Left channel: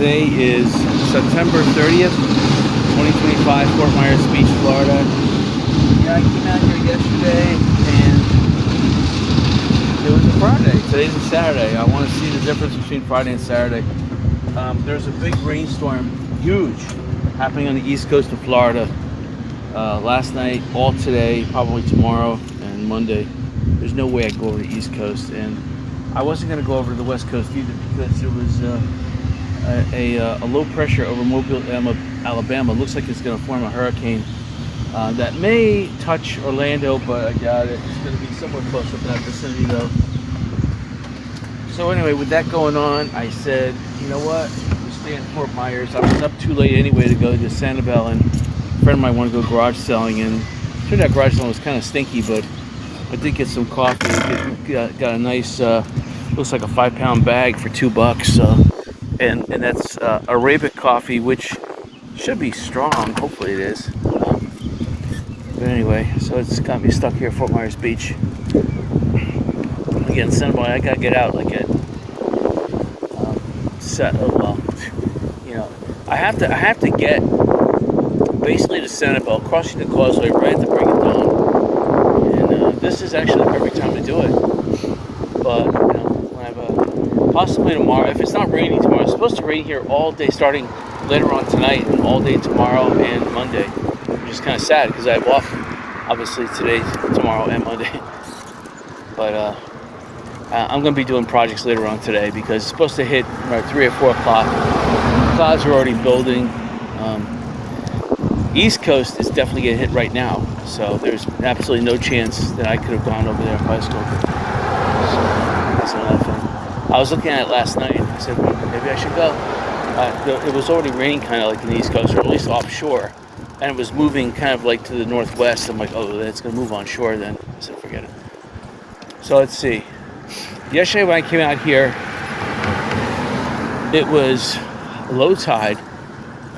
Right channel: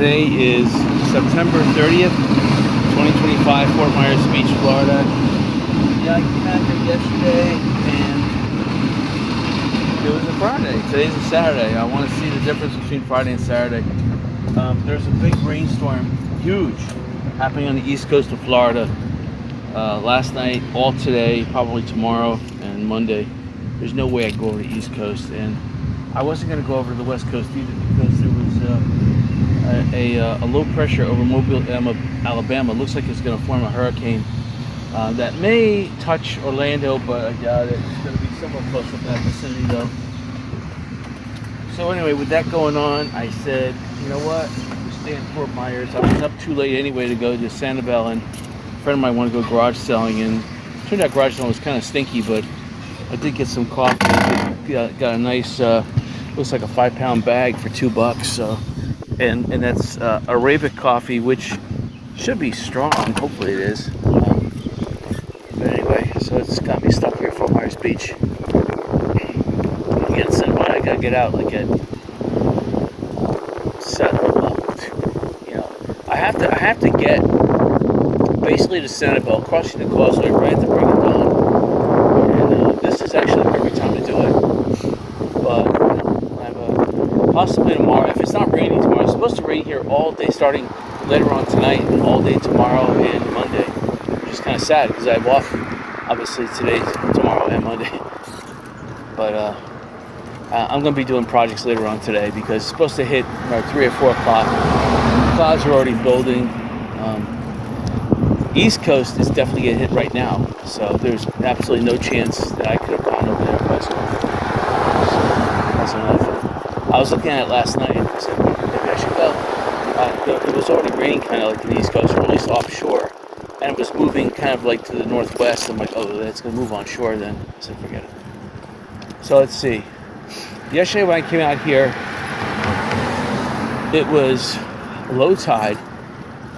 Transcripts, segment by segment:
Today is September 30th, 2025, Fort Myers Beach, Florida. Yeah, I came out here yesterday and it was a Friday. Today's a Saturday. I want to see the difference between Friday and Saturday. There's a big rainstorm, huge, happening on the east coast of Florida. Last night, all today, probably tomorrow and Monday. There's no way I'd go over the east coast, and I wasn't going to go over to the west coast either because there was a low pressure over Mobile, Alabama. It looks like it's going to form a hurricane that may touch Orlando, but I doubt it. It's going to be somewhere close up in that vicinity though. So anyway, with that going on, I said, you know what, we stay in Fort Myers. I was up too late anyway to go to Sanibel, and a friend of mine wanted to go garage selling, and turned out garage selling was kind of stinky, but I did get some coffee. Got a nice, looks like a 5-pound bag for $2. And that's Arabic coffee, which should be strong. Hopefully it is. But anyway, so it's got me stuck here at Fort Myers Beach. Again, I gotta get out like at I have to get basically to Sanibel, crossing the causeway right at the break of dawn. And this is actually the perfect time to do it. But I have possibly tomorrow. If it's not raining tomorrow, it's supposed to rain here all day, starting later on tonight and all day tomorrow and Monday, which is kind of sad because I have off, obviously, today, tomorrow, and Monday. But I'm going to be doing projects later on today because it's supposed to hit around 3 or 4 o'clock. Clouds are already building. East Coast is definitely getting hit right now, so there's absolutely no chance that I could have gone over there by bicycle. That's another thing. I was looking at it last night and I said, maybe I should go. It was already raining kind of like in the East Coast, or at least offshore, and it was moving kind of like to the northwest. I'm like, oh, it's going to move onshore then. I said, forget it. So let's see. Yesterday when I came out here, it was low tide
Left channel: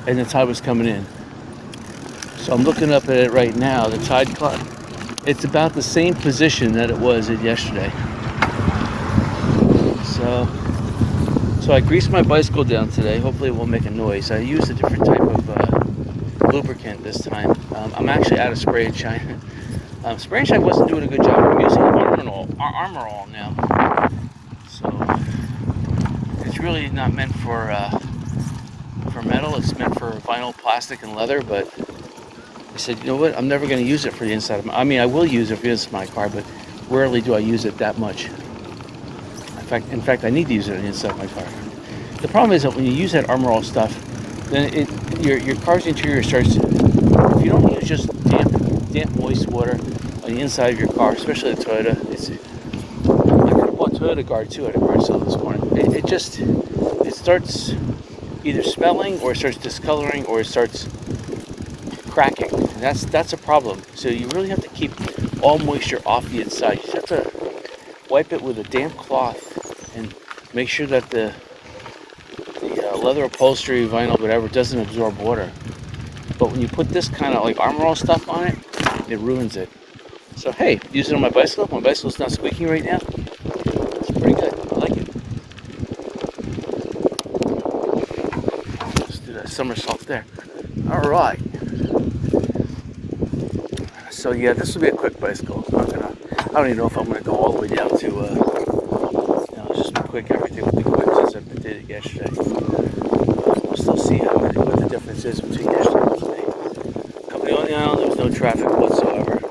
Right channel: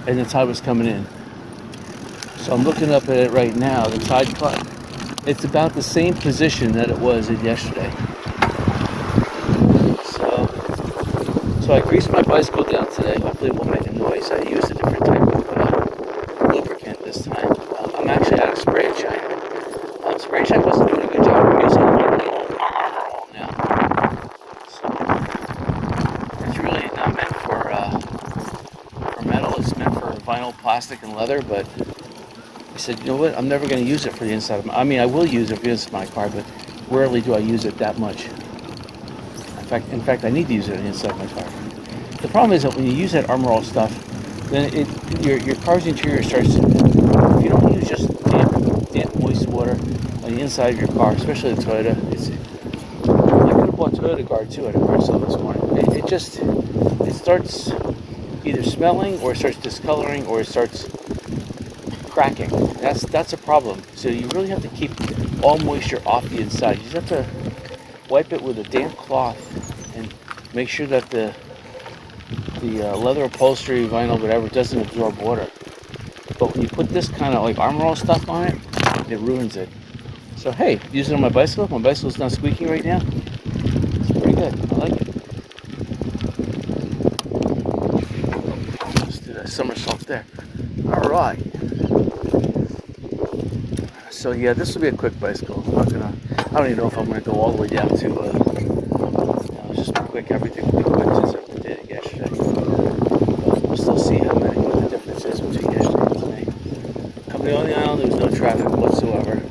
and the tide was coming in. So I'm looking up at it right now. The tide, it's about the same position that it was at yesterday. So I greased my bicycle down today. Hopefully it won't make a noise. I used a different type of lubricant this time. I'm actually out of spray and shine. Spray and shine wasn't doing a good job. I'm using Armor All now. So it's really not meant for metal. It's meant for vinyl, plastic, and leather. But I said, you know what? I'm never going to use it for the inside of my. I mean, I will use it for the inside of my car, but rarely do I use it that much. In fact, I need to use it on the inside of my car. The problem is that when you use that Armor All stuff, then your car's interior starts. If you don't use just damp, moist water on the inside of your car, especially the Toyota, I could have bought Toyota Guard too at a garage sale this morning. It starts either smelling, or it starts discoloring, or it starts cracking. That's a problem. So you really have to keep all moisture off the inside. You just have to wipe it with a damp cloth and make sure that the leather upholstery, vinyl, whatever, doesn't absorb water. But when you put this kind of like Armor All stuff on it, it ruins it. So hey, use it on my bicycle. My bicycle's not squeaking right now. It's pretty good. I like it. Let's do that somersault there. All right. So yeah, this will be a quick bicycle. I don't even know if I'm gonna go all the way down to just quick everything with the quick since I did it yesterday. But we'll still see what the difference is between yesterday and today. Coming on the island, there was no traffic whatsoever. It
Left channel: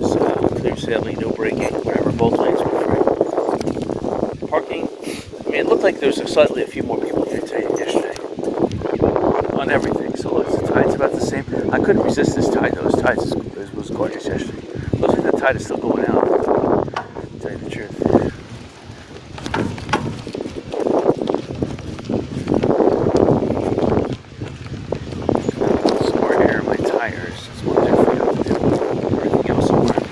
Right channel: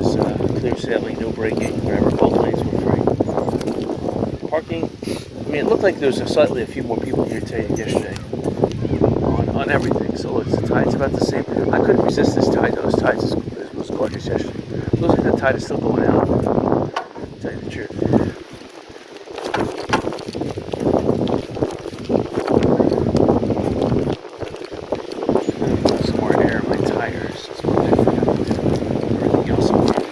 was clear sailing, no braking, whatever. Both lanes were free. Parking. I mean, it looked like there was a few more people here today than yesterday on everything. So look, the tide's about the same. I couldn't resist this tide. Those tides was gorgeous yesterday. Looks like the tide is still going out. To tell you the truth. Some more air in my tires. That's one thing I forgot to do. Everything else I'm wearing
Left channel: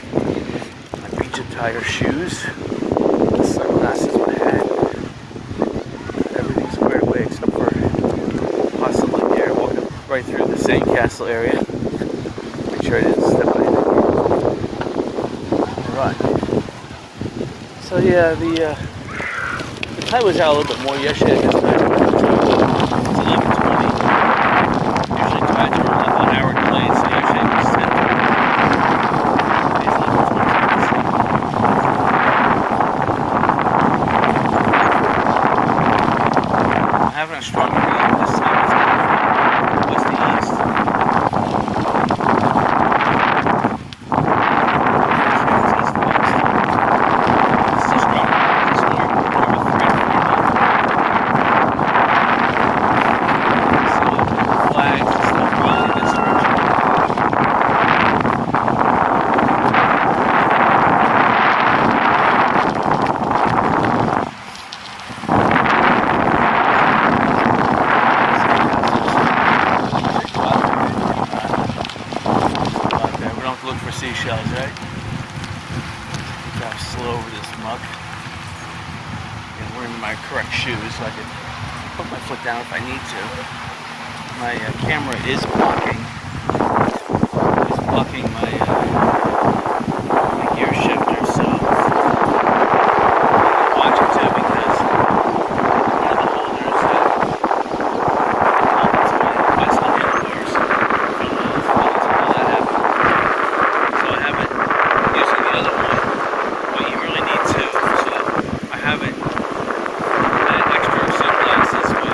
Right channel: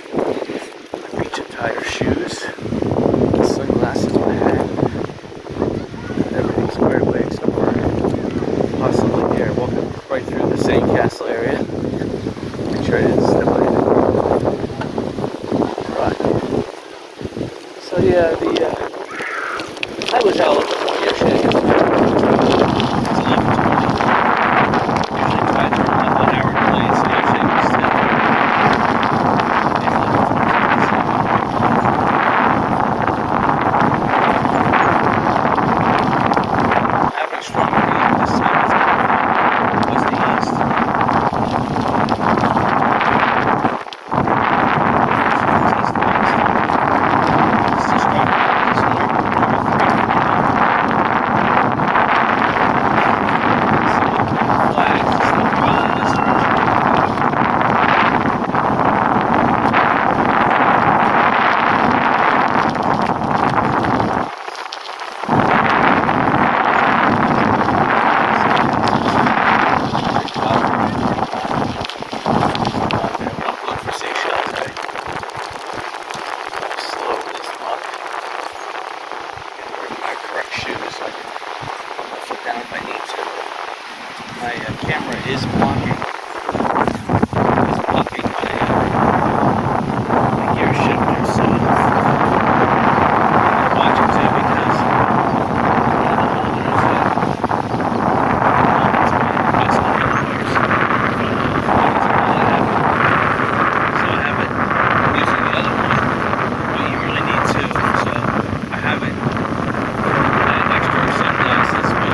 my beach tire shoes, the sunglasses, my hat. Got everything squared away except for possibly there. Walking right through the sandcastle area. Make sure I didn't step on anything. Right. So yeah, the tide was out a little bit more yesterday. I guess kind of stronger wind. This time it's coming from west to east. Shoes so I can put my foot down if I need to. My camera is blocking. It's blocking my gear shifter, so I'm gonna watch it too because one of the holders it's my bicycle handlebars. So I have it using the other one, but you really need two. So I have it. Sunglasses with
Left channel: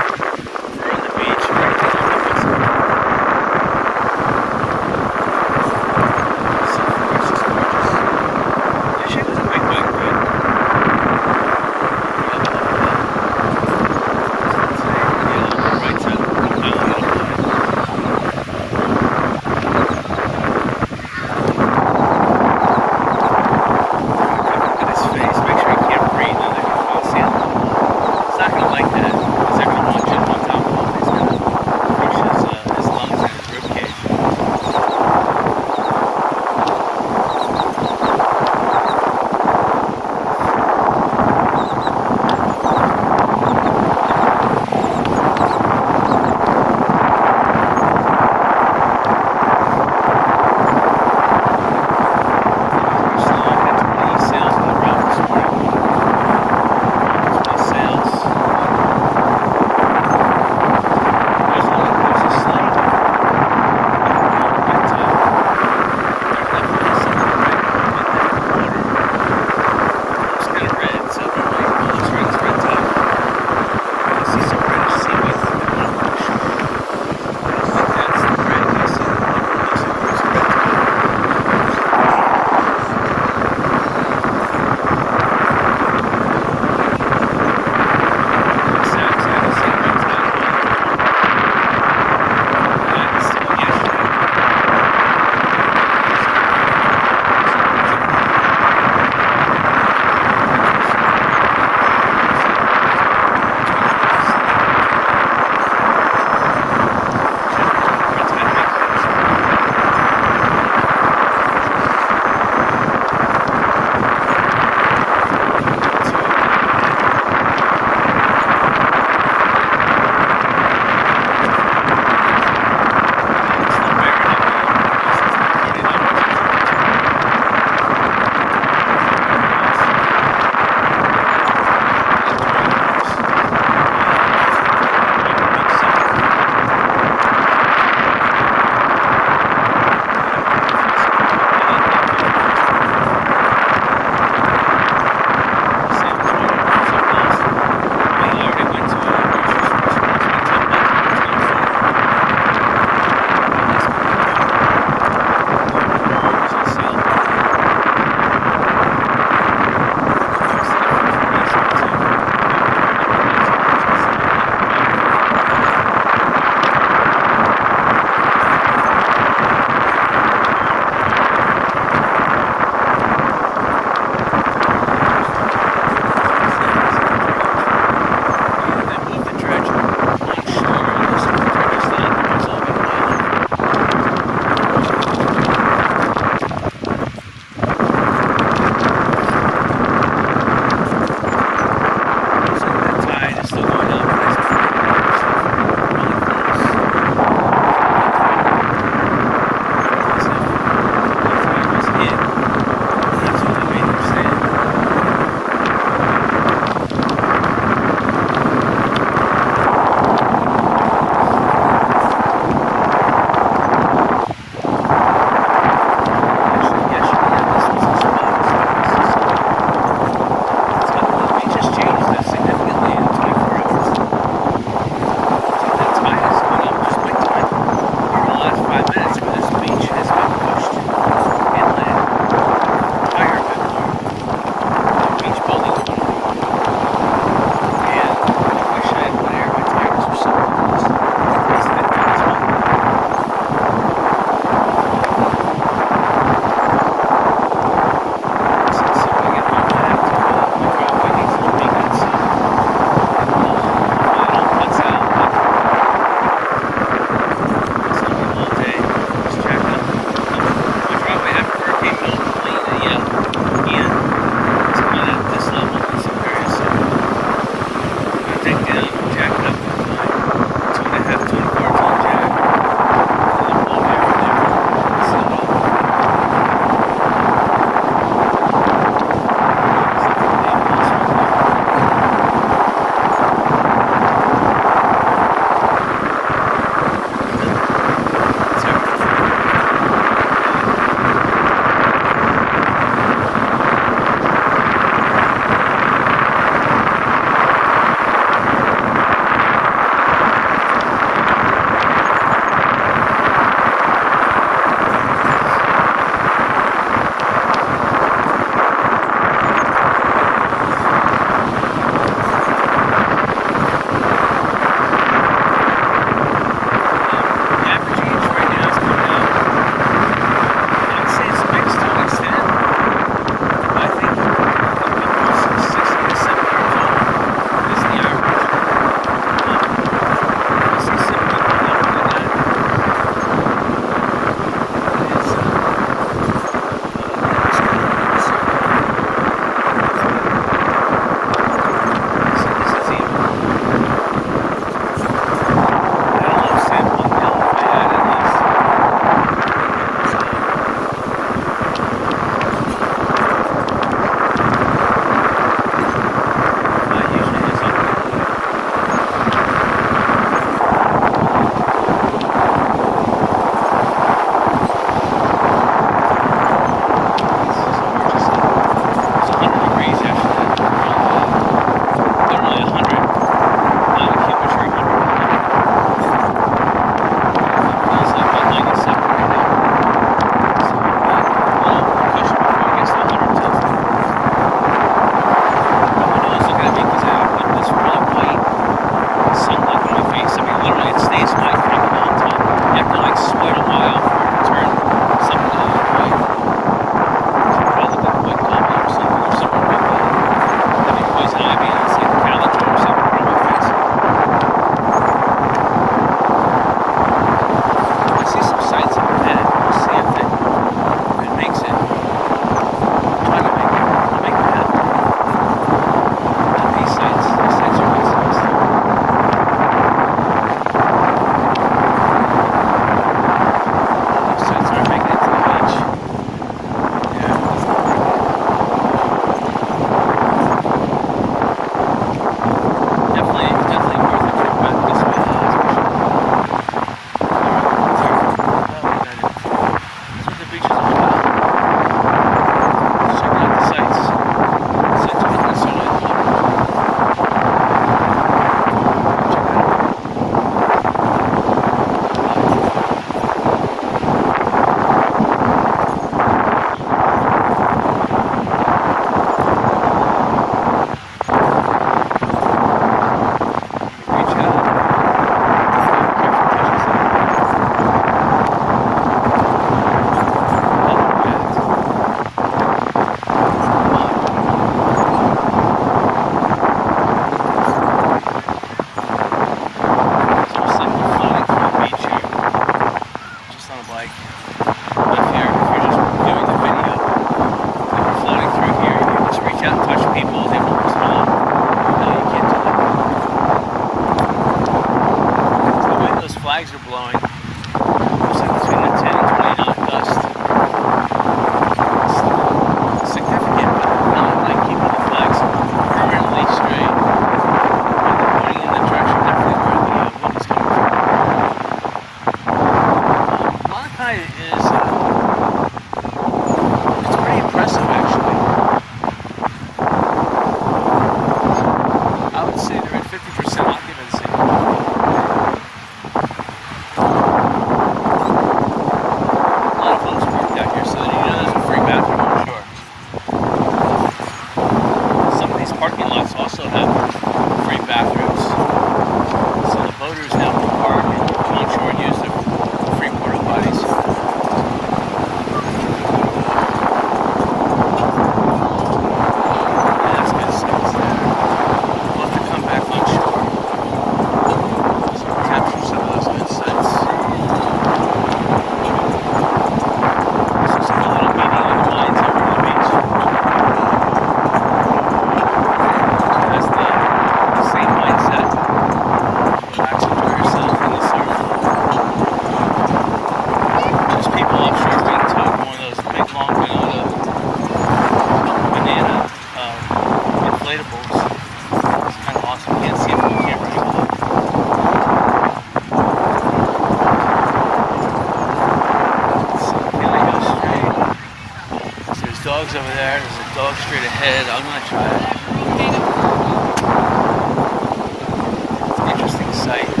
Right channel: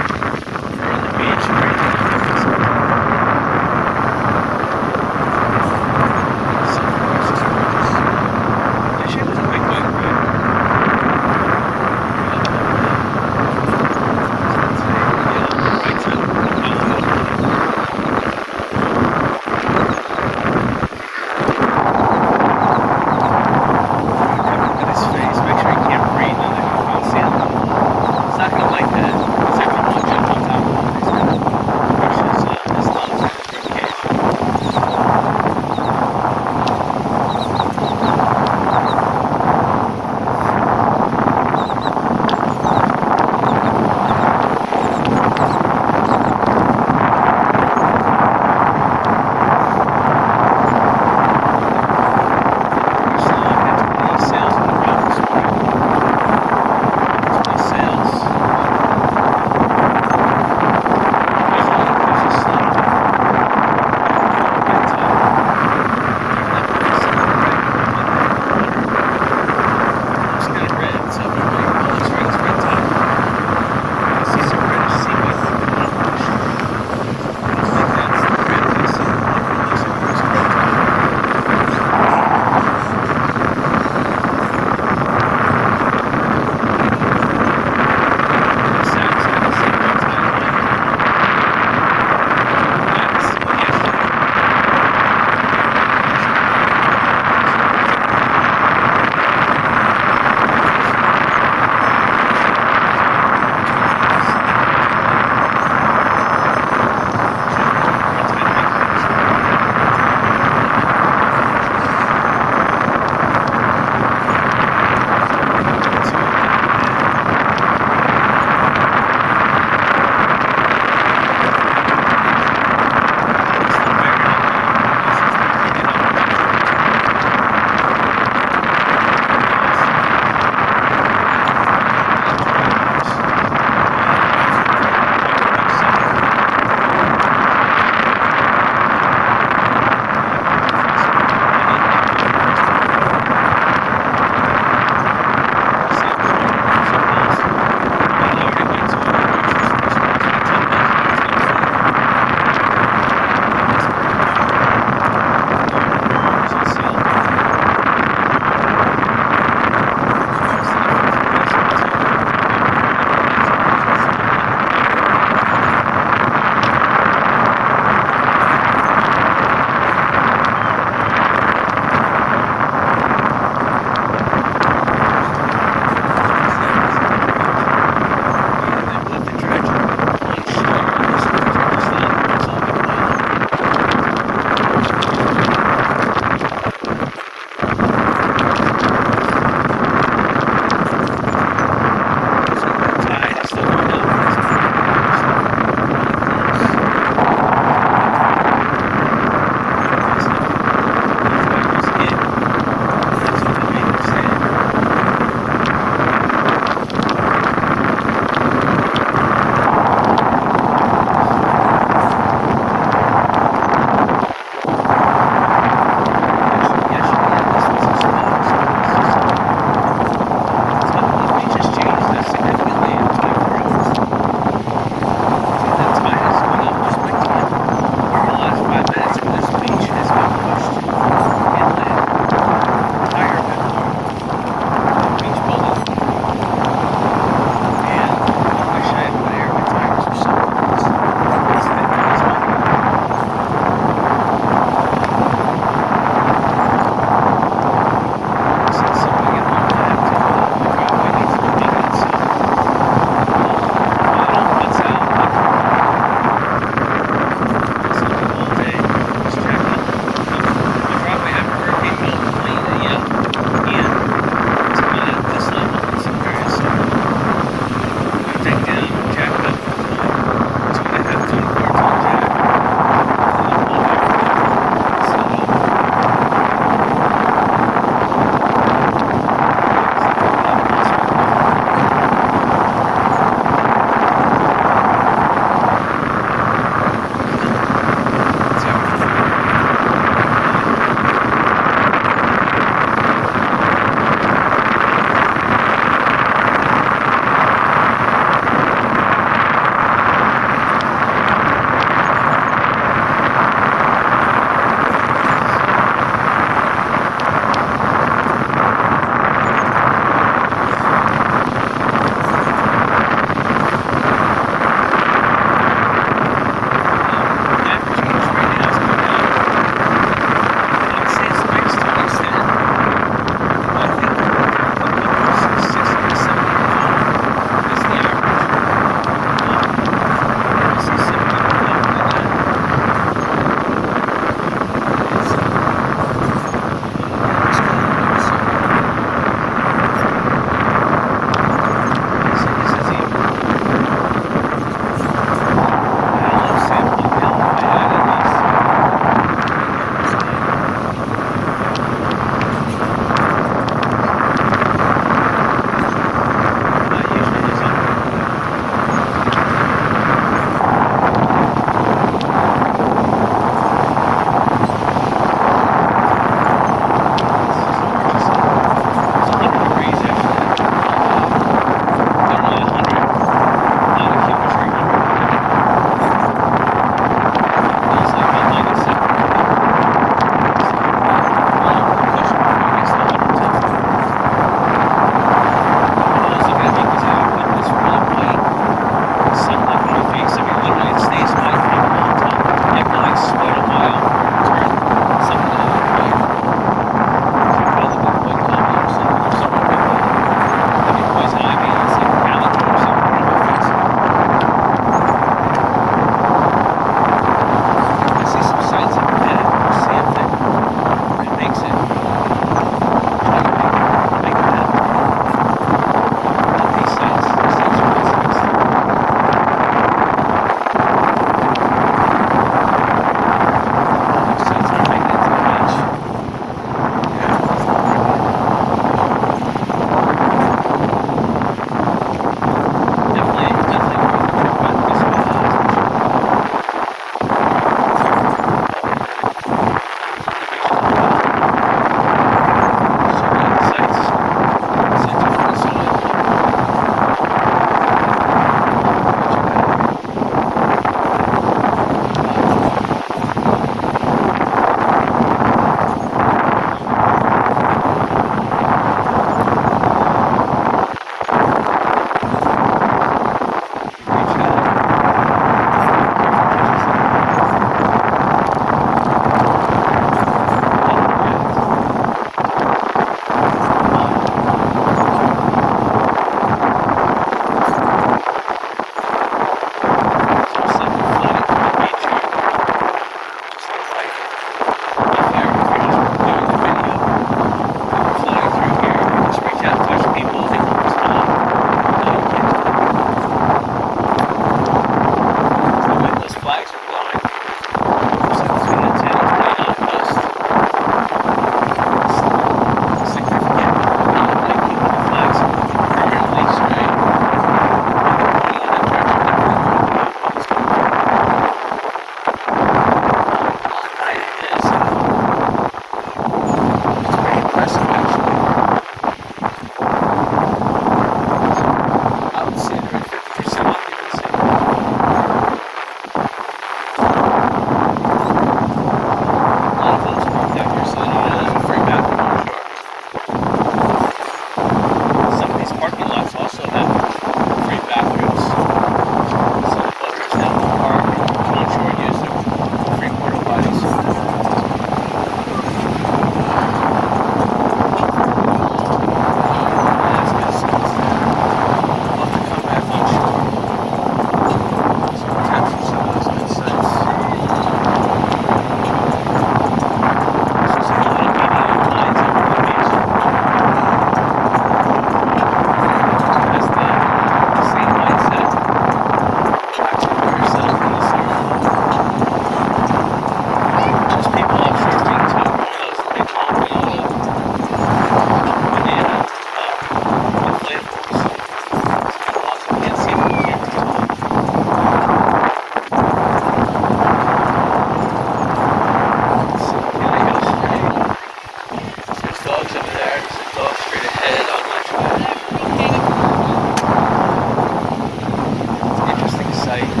site. This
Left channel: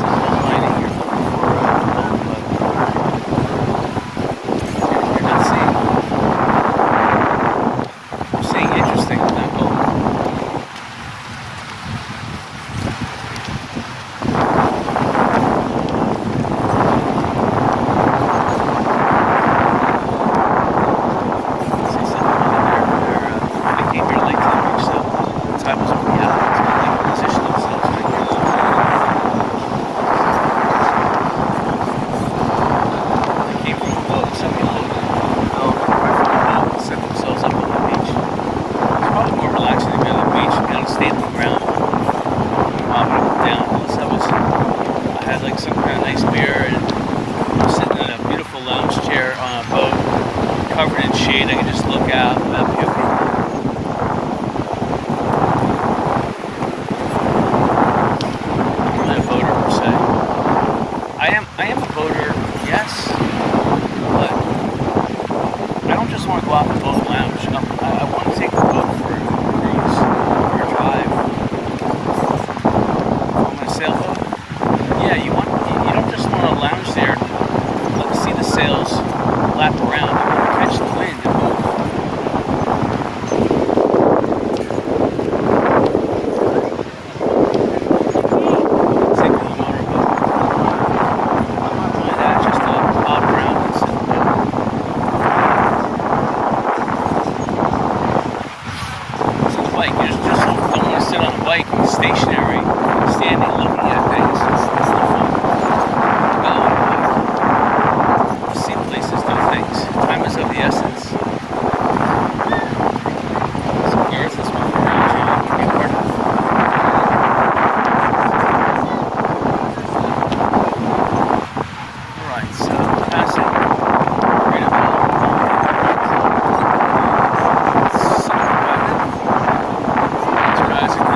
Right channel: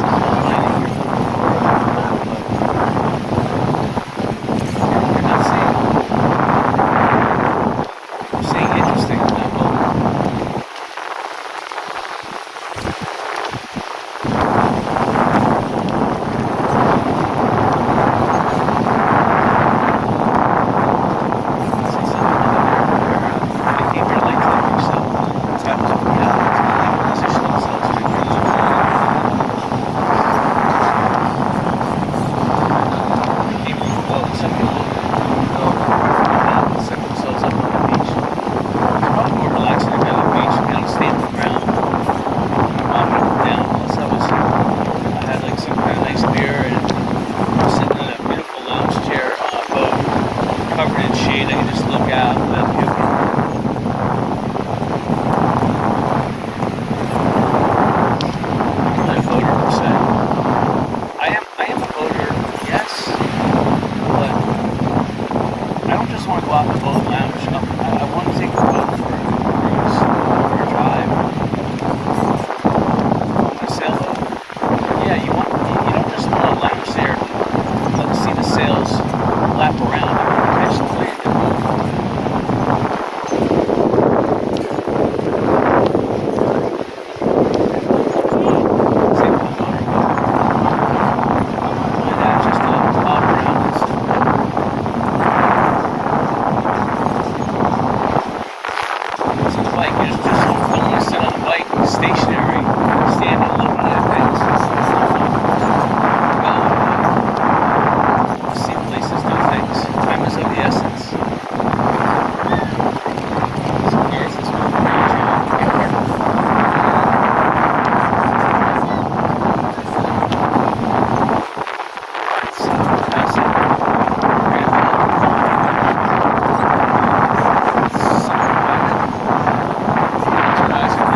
is online and you're looking for a boat, but you're not seeing interesting on that boat. See something over there. They came here late to the beach, so the tide was going down. So they positioned themselves right here. They came from the boat. Some people go right from the mountain and set themselves up on the beach. It's probably more relaxing to be on the beach. You know, stay on the ground, mop it up and down. Plus, I had like some kind of nice beer and I'm sitting in a beautiful lounge chair on a boat, covered in shade. I can just look out without puking. I'm not really a boater per se. I am a boater, yes, but I don't just want to go out in the boat and lounge. I want to take the boat for a cruise, for a drive. On my sailboat, yeah, you don't just want to lounge there, let's see the sails lap around. You want to catch the wind and move. Same with the motorboat. I'm not really that, just to bob around and sit in the boat. So the bike, you just don't want to sit on the bike stationary, standing, looking at things. It's not fun. You gotta look at it. See places, do things. Time is of the essence. So the earth is moving around you. You can be part of it. Alright, so passing right over Summer Wagon. It's passing.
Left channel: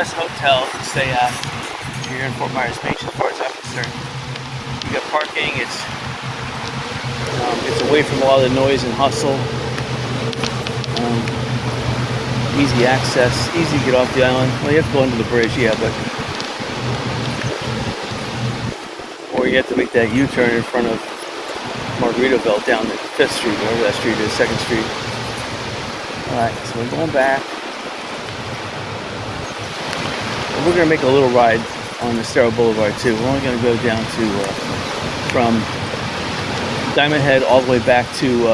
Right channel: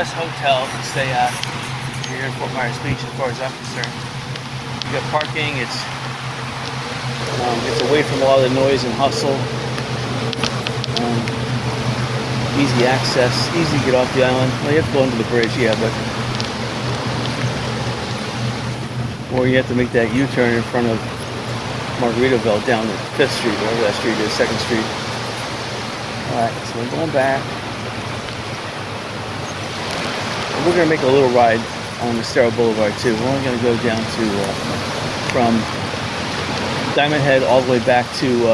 best hotel to stay at here in Fort Myers Beach, as far as I'm concerned. You got parking. It's away from a lot of the noise and hustle. Easy access, easy to get off the island. Well, you have to go under the bridge, yeah, but or you have to make that U-turn in front of Margaritaville down to 5th Street, whatever that street is, 2nd Street. Alright, so we're going back. And we're going to make a little ride on Estero Boulevard too. We're only going to go down to, from Diamond Head all the way back to,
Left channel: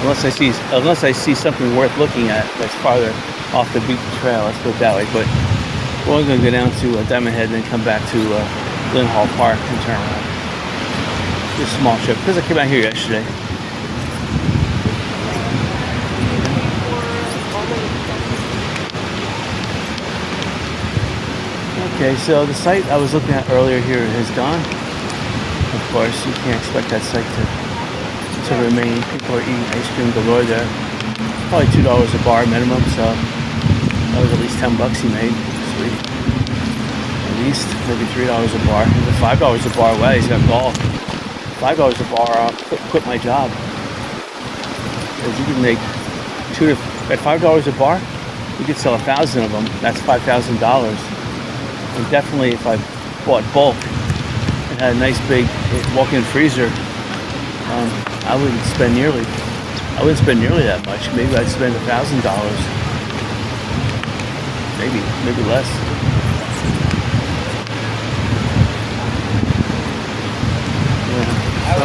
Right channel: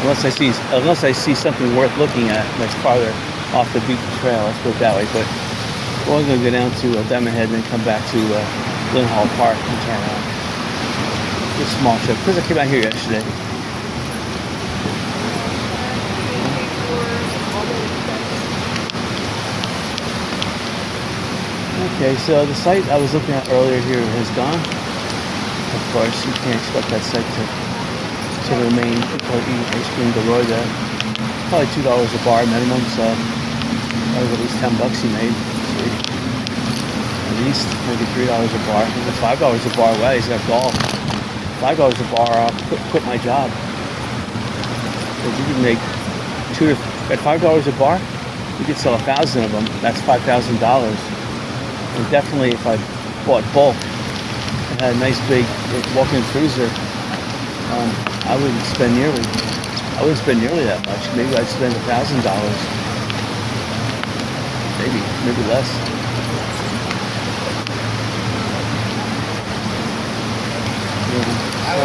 unless I see something worth looking at that's farther off the beach trail, let's put it that way. But we're only going to go down to Diamond Head and then come back to Lynn Hall Park and turn around. Just a small trip, because I came out here yesterday. Okay, so the site I was looking at earlier here is gone. Of course, you can't expect that site to remain. People are eating ice cream galore there. Probably $2 a bar minimum, so that was at least $10 he made. Sweet. At least maybe $3 a bar. Even $5 a bar. Wow, he's got golf. $5 a bar. I'll quit my job. If you can make at $5 a bar, you could sell 1,000 of them. That's $5,000. And definitely, if I bought bulk and had a nice big walk-in freezer, I wouldn't spend nearly that much. Maybe I'd spend $1,000. Maybe less. Yeah. So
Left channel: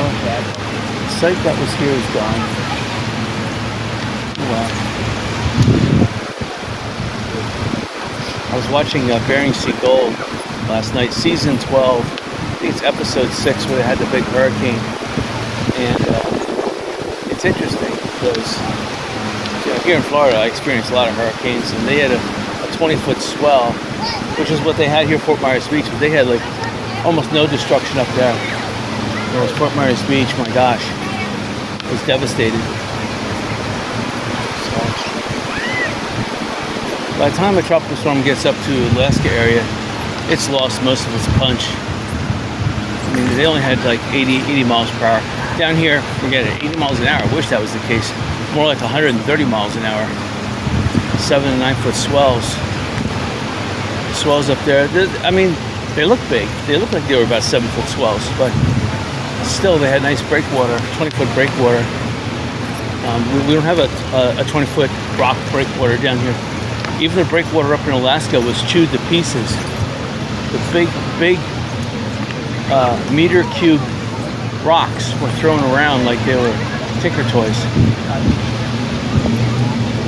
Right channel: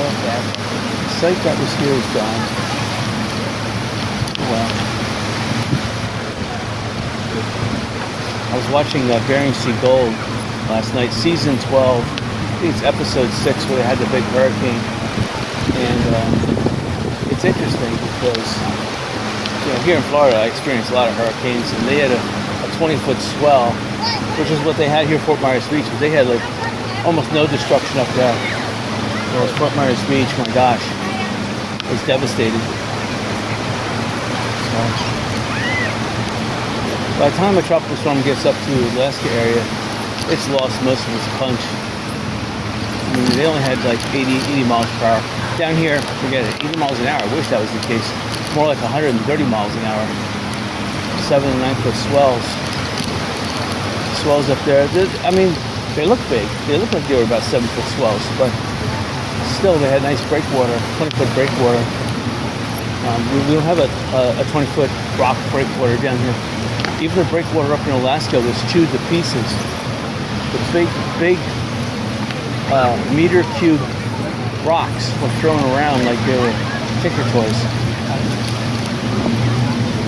the site that was here is gone. Oh wow. I was watching Bering Sea Gold last night, season 12. I think it's episode 6 where they had the big hurricane. And it's interesting because here in Florida I experienced a lot of hurricanes, and they had a 20-foot swell, which is what they had here at Fort Myers Beach, but they had like almost no destruction up there. Whereas Fort Myers Beach, my gosh, was devastated. So by the time a tropical storm gets up to the Alaska area, it's lost most of its punch. I mean, they only had like 80 miles per hour. Down here, forget it, 80 miles an hour. I wish that was the case. More like 130 miles an hour. 7 and 9 foot swells. Swells up there. I mean, they look big. They look like they were about 7-foot swells, but still they had nice breakwater, 20-foot breakwater. We don't have a 20-foot rock breakwater down here. Even the breakwater up in Alaska was chewed to pieces. The big meter cube rocks were thrown around like they were tinker toys.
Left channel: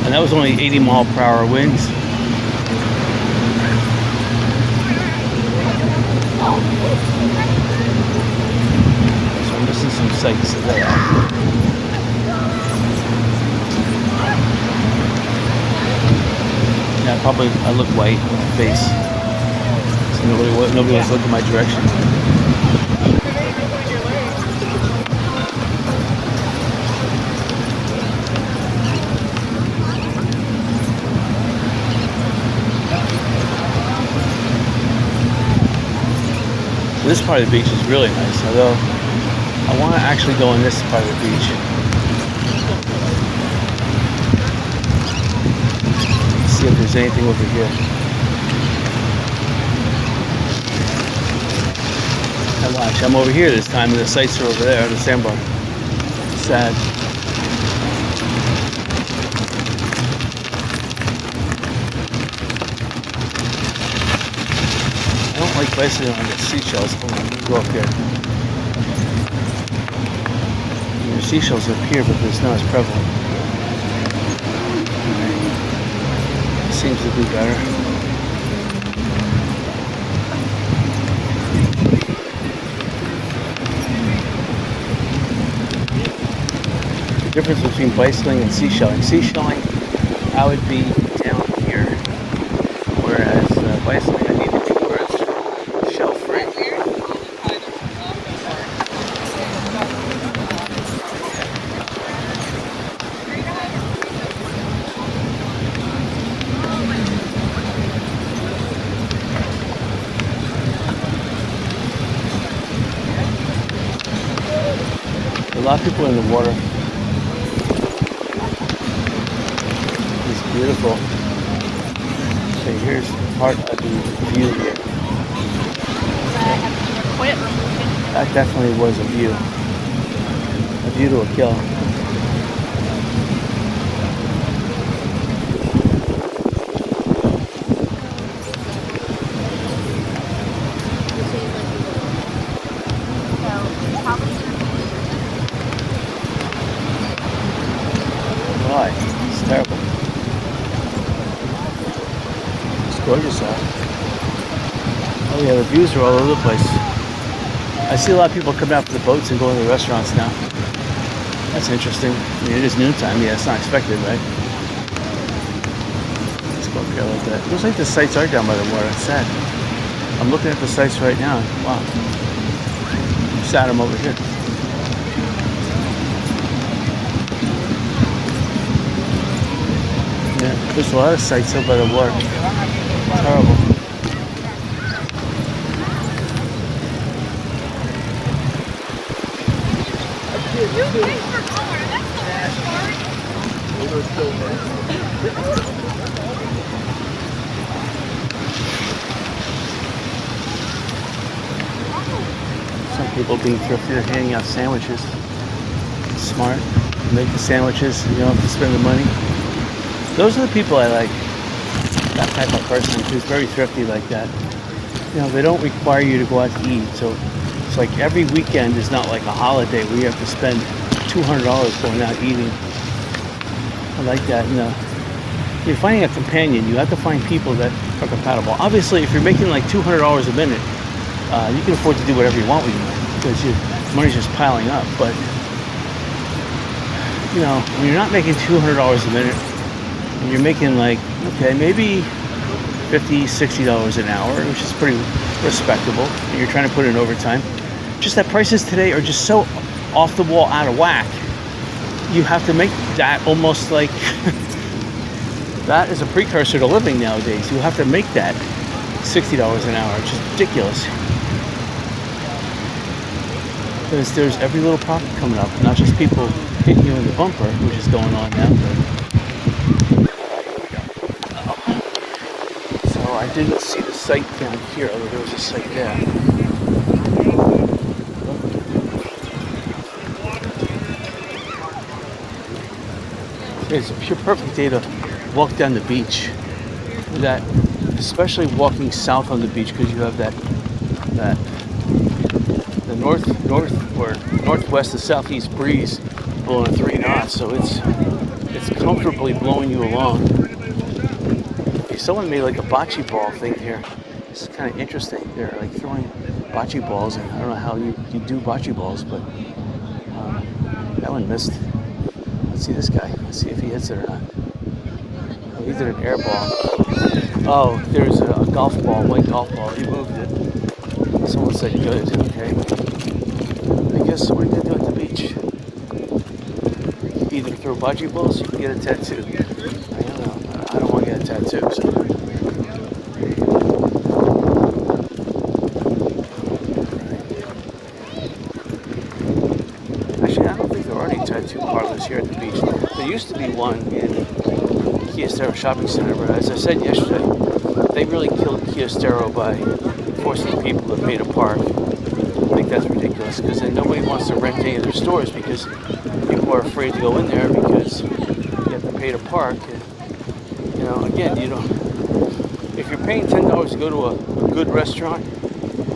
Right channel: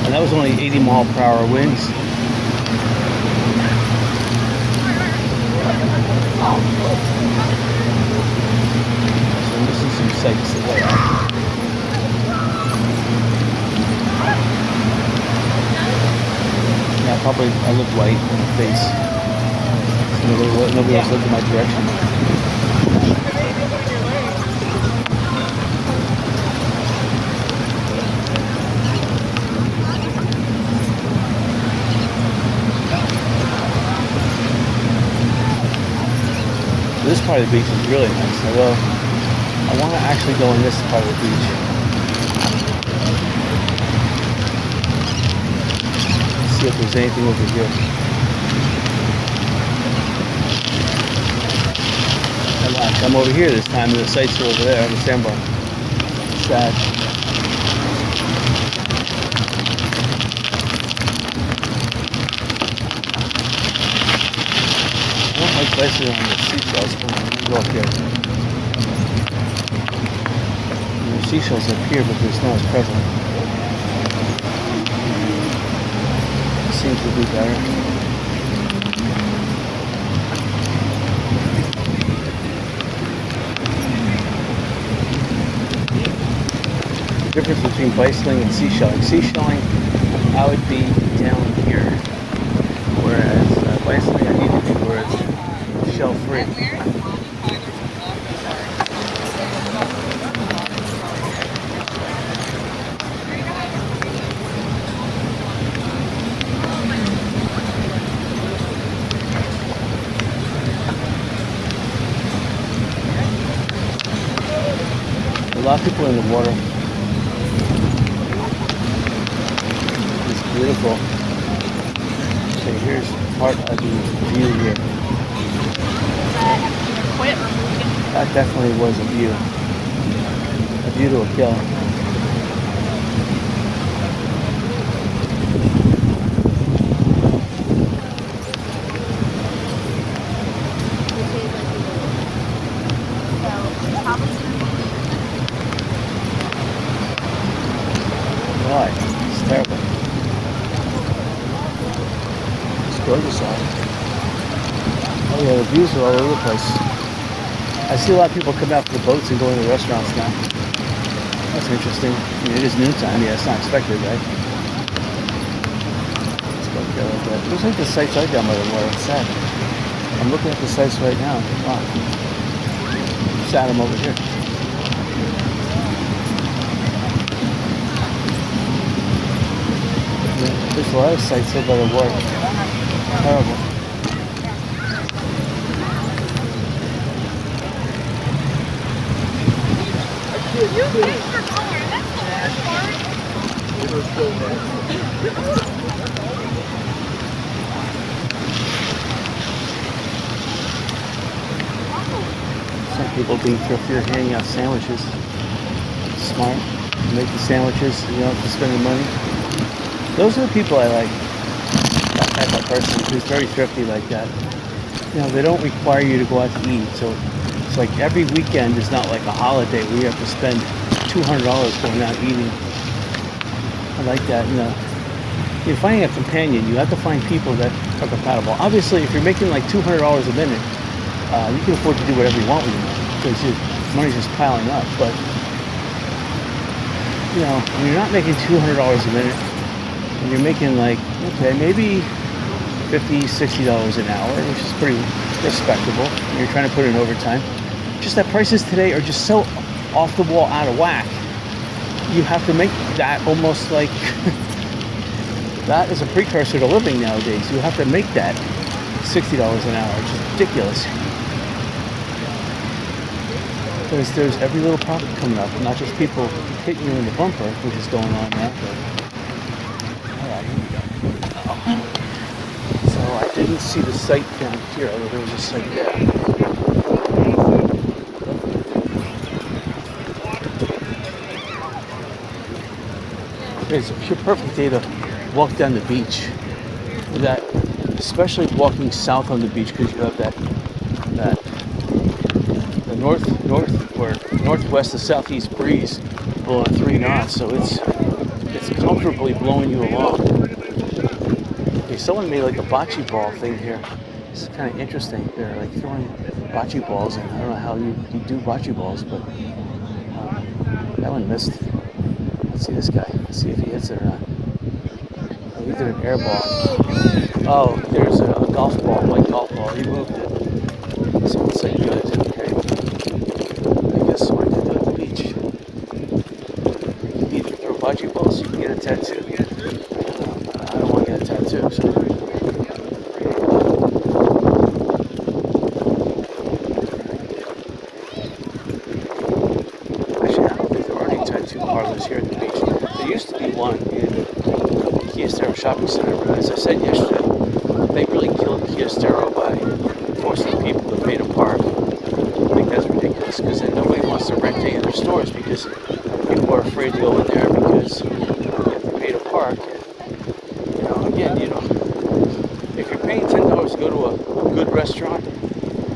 And that was only 80 mile per hour winds. So I'm missing some sights today. Yeah, probably I look white on my face. So nobody was looking my direction. This part of the beach is really nice, although I want to actually go in this part of the beach. Let's see if there's anything over here. Now watch, I'm over here this time and the sights are over there on the sandbar. Sad. I don't like bicycling on the seashells. Hold on, let me go up here. There's seashells up here, but it's not as prevalent. Right. Seems to be better. The difference between bicycling and seashelling. Seashelling, I would be down here, whereas bicycling, I need to be where it's shell free. lot of people in the water. It's beautiful. Okay, here's part of the view here. That definitely was a view. A view to a kill. Why? It's terrible. It's gorgeous out. Oh yeah, the views are all over the place. I see a lot of people coming out to the boats and going to the restaurants now. That's interesting. I mean, it is noontime. Yeah, it's not expected, right? Let's go up here a little bit. It looks like the sites are down by the water. It's sad. I'm looking at the sites right now. Wow. Sad I'm over here. Yeah, there's a lot of sites up by the water. Terrible. Some people being thriftier, handing out sandwiches. Smart. You make the sandwiches, you don't have to spend the money. Those are the people I like. That type of person who's very thrifty like that. You know, they don't require you to go out to eat. So it's like every weekend is not like a holiday where you have to spend $200 going out eating. I like that. And you're finding a companion. You have to find people that are compatible. Obviously, if you're making like $200 a minute, you can afford to do whatever you want with your money because your money's just piling up. But you know, when you're not making $200 a minute, and you're making like, okay, maybe $50, $60 an hour, which is pretty respectable, and you're trying to put in overtime. Just that prices today are just so off the wall, out of whack. You have to make that almost like that is a precursor to living nowadays. You have to make that $60 an hour. It's just ridiculous. Because there's every little profit coming up, not just people hitting you in the bumper, which is going on now. But all right, here we go. So I didn't see the site down here, although there was a site there. It's a pure perfect day to walk down the beach. That, especially walking south on the beach, because you have the northwest to southeast breeze blowing at 3 knots, so it's comfortably blowing you along. Okay, someone made like a bocce ball thing here. It's kind of interesting. They're like throwing bocce balls, and I don't know how you do bocce balls, but that one missed. Let's see this guy. Let's see if he hits it or not. Oh, he did an air ball. Oh, there's a golf ball, white golf ball. He moved it. Someone said good. Okay. I guess what you can do at the beach. Either throw bocce balls, you can get a tattoo. I don't want to get a tattoo. So. Actually, I don't think there are any tattoo parlors here at the beach. There used to be one in Kiostero Shopping Center, but as I said yesterday, they really killed Kiostero by forcing people to pay to park. I think that's ridiculous because then nobody wants to rent any of their stores because people are afraid to go in there because you have to pay to park. You know, again, if you're paying $10 to go to a good restaurant,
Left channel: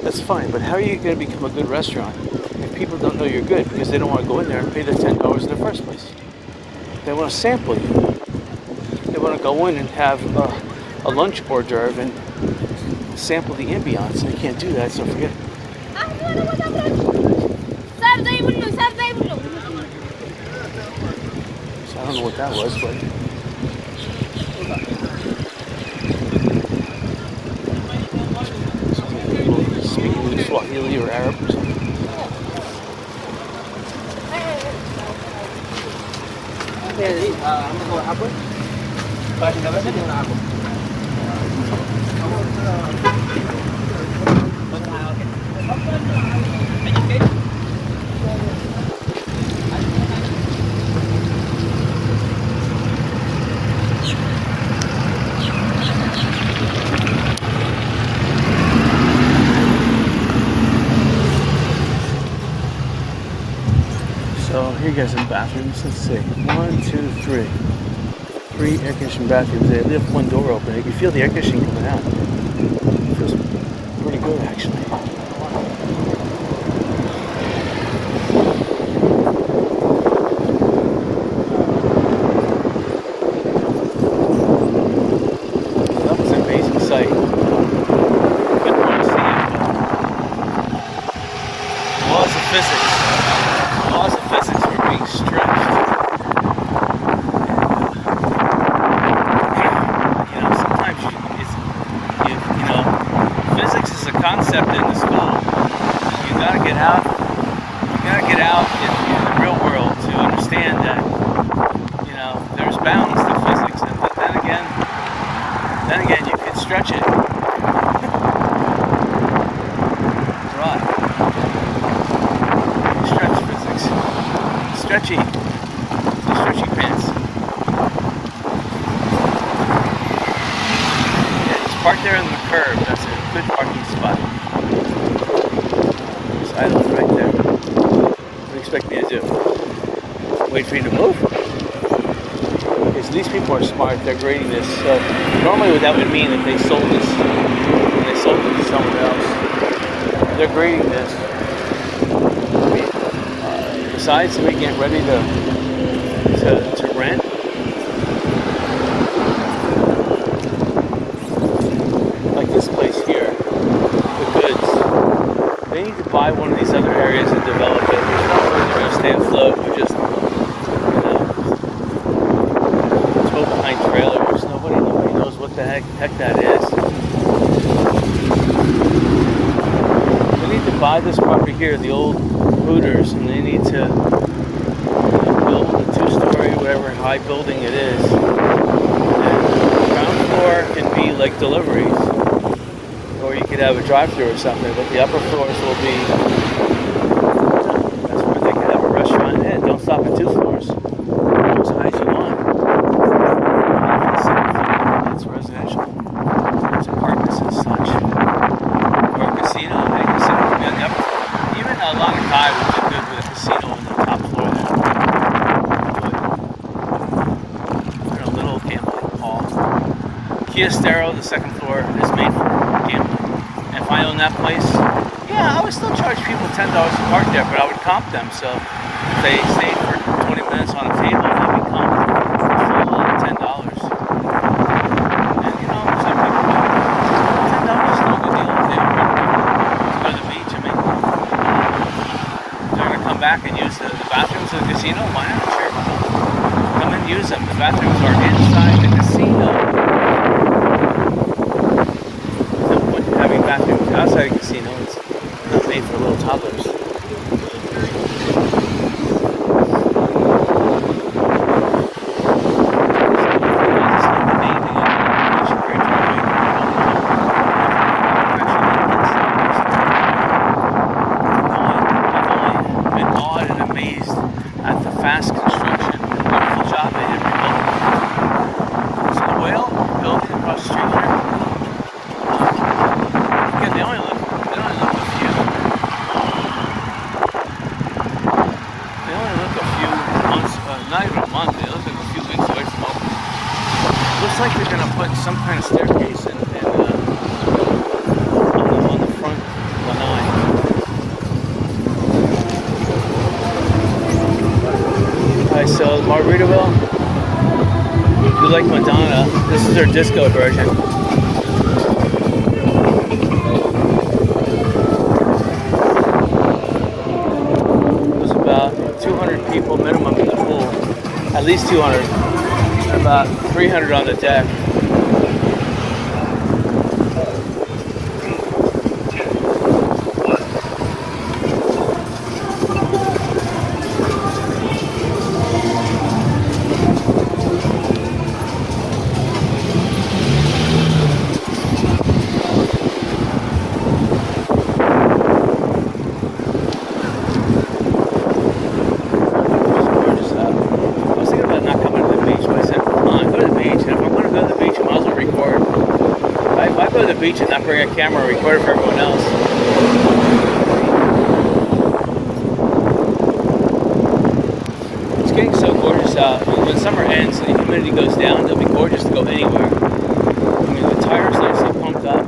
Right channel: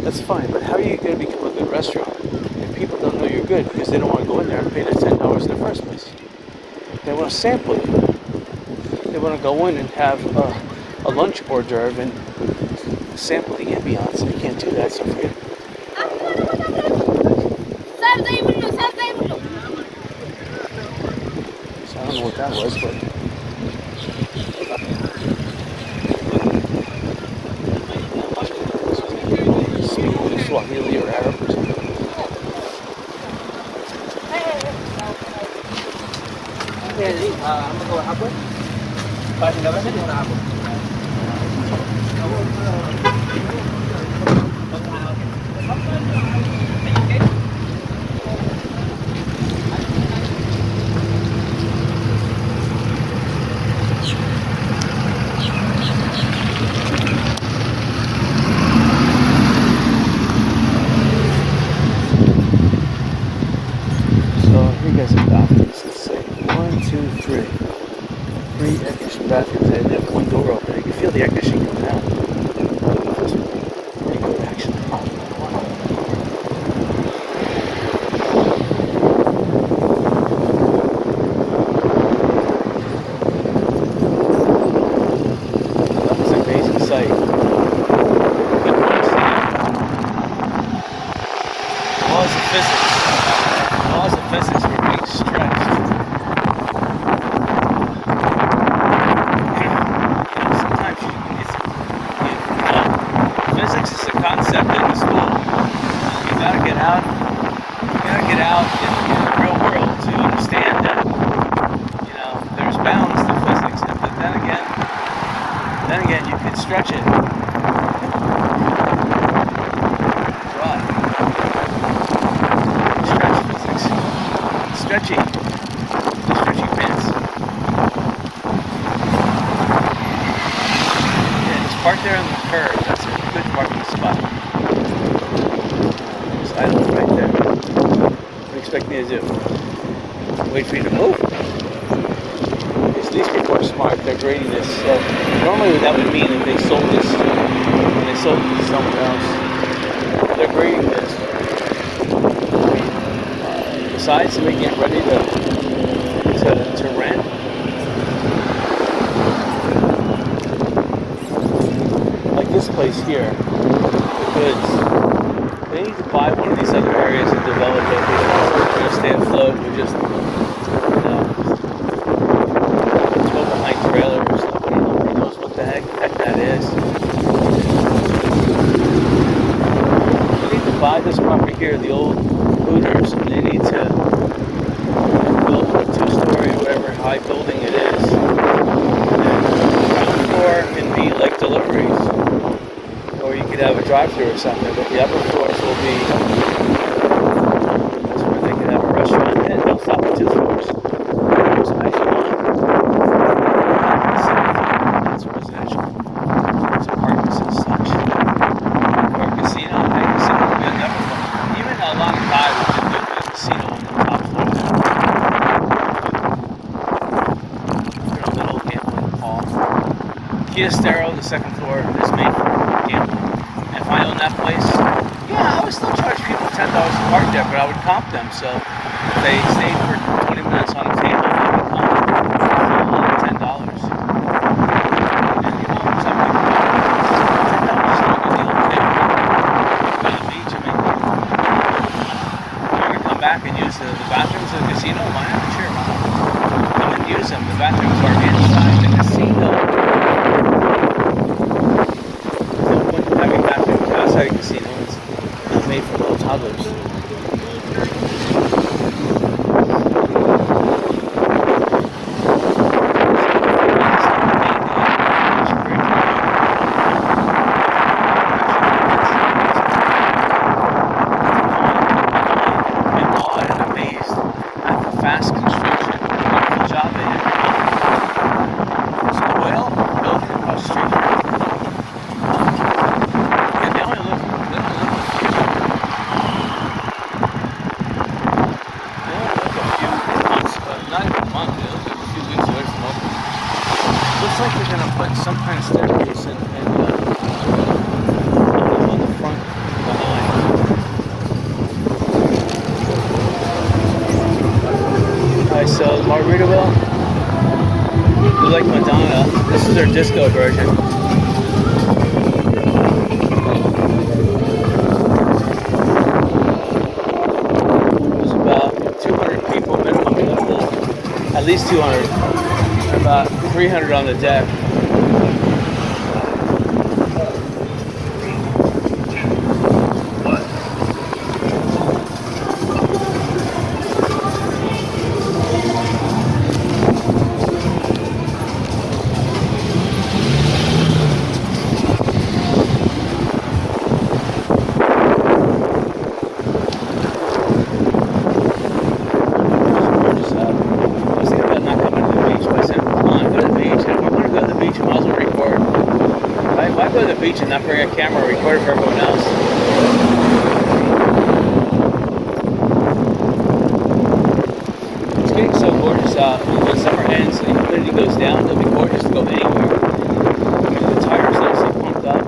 that's fine. But how are you going to become a good restaurant if people don't know you're good because they don't want to go in there and pay the $10 in the first place? They want to sample you. They want to go in and have a lunch hors d'oeuvre and sample the ambiance, and they can't do that, so forget it. So I don't know what that was, but speaking Swahili or Arab or something. I guys have bathrooms? Let's see. 1, 2, 3. 3 air conditioned bathrooms. They have one door open. You can feel the air conditioning coming out. It's pretty good, actually. So that was an amazing sight. You can want to see it. Laws of physics. Laws of physics were being stretched. Physics is a concept in the school. You gotta get out. You gotta get out in the real world to understand that there's bounds to physics. But then again, you can stretch it. Dry. Stretch physics. Stretchy. Stretchy pants. Yeah, just park there on the curb. That's it. Good parking spot. There's island right there. What do you expect me to do? Wait for you to move? Because these people are smart, they're grading this. So normally what that would mean if they sold this, when they sold it to someone else, they're grading this. I mean, besides somebody getting ready to rent, like this place here, the goods, they need to buy one of these other areas and develop it. There's no way they're going to stay afloat with just, tow behind trailers. Nobody knows what the heck that is. They need to buy this property here, the old Hooters, and they need to build a 2-story, whatever high building it is. And then the ground floor can be like deliveries. Or you could have a drive-thru or something, but the upper floors will be, that's where they can have a restaurant. And don't stop at 2 floors. As high as you want. That's residential. There's apartments and such. Or a casino. A casino would be on the upper floor. Even a lot of guy would be good with a casino on the top floor there. Even a little gambling hall. Kia Stero, the second floor, is made for gambling. And if I own that place, yeah, I would still charge people $10 to park there, but I would comp them. So if they stayed for 20 minutes on a table, that would comp them for $10. And some people, $10 is no good deal if they go to the beach. I mean, they're going to come back and use the bathrooms of the casino. Why not? Sure, why not? Come and use them. The bathrooms are inside the casino. Having bathrooms outside a casino, it's not made for little toddlers. I've been awed and amazed at the fast construction. Wonderful job they did rebuilding. There's a whale building across the street here. They only live a few months, not even a month, they look like a few weeks away from opening. Looks like they're going to put some kind of staircase on the front behind. Alright, so Margaritaville, if you like Madonna, this is their disco version. About 200 people minimum in the pool, at least 200, and about 300 on the deck. Why go to the beach and not bring a camera and record it for everyone else? getting so gorgeous out. I mean, when summer ends, the humidity goes down. It'll be gorgeous to go anywhere. I mean, the tire's nicely pumped up.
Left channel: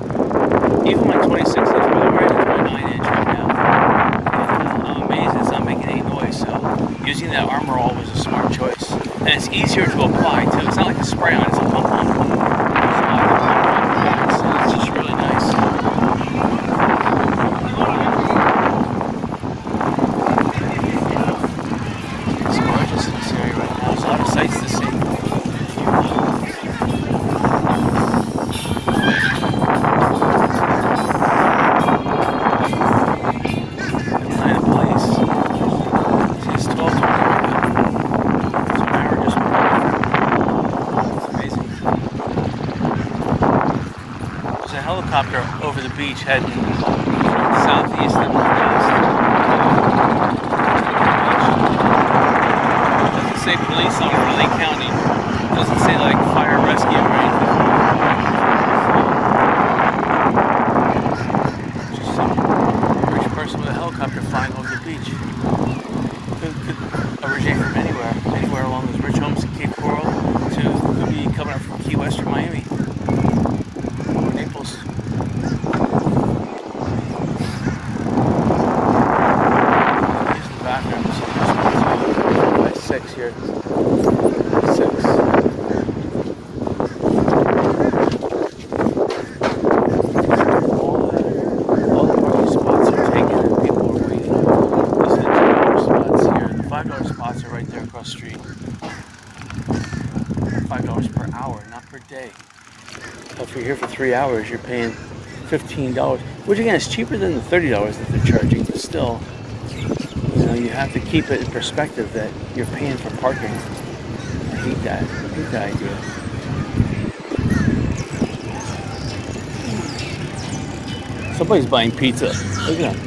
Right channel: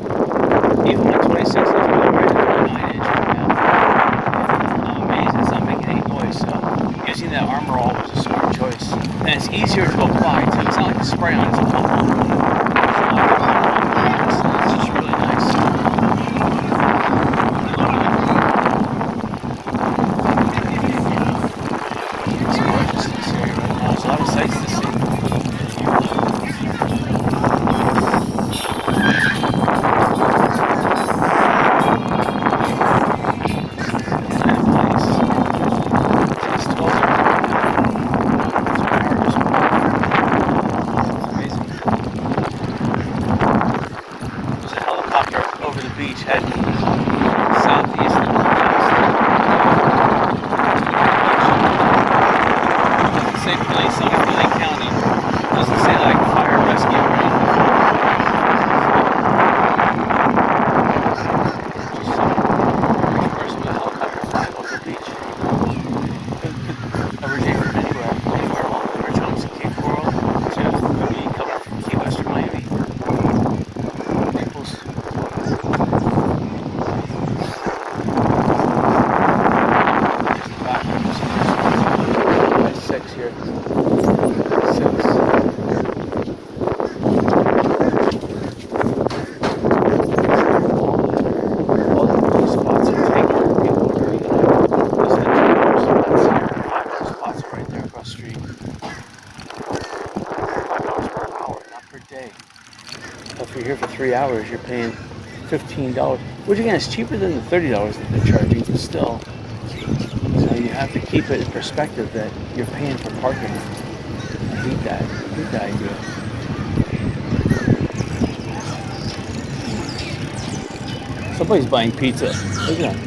Even my 26 inch, well, I'm right at 29 inch right now. And I'm amazed it's not making any noise. So using that Armor All was a smart choice. And it's easier to apply too. It's not like a spray on, it's a pump on. So it's just really nice. It's gorgeous in this area right now. There's a lot of sights to see. Over the beach heading southeast and northeast. It doesn't say police on Lake County. It doesn't say like fire rescue or anything. Just a rich person with a helicopter flying over the beach. Could originate from anywhere along those rich homes in Cape Coral to could be coming up from Key West or Miami. Naples. Here. 6. All the spots are taken. People are, these are the $2 spots here. $5 spots are right there across the street. $5 per hour, not per day. So if you're here for 3 hours, you're paying $15, which again is cheaper than the $30 that they're charging, but still. You know, you have to keep it in perspective that you're paying for parking. I hate that. I hate that idea. Somebody's buying pizza. Look at him.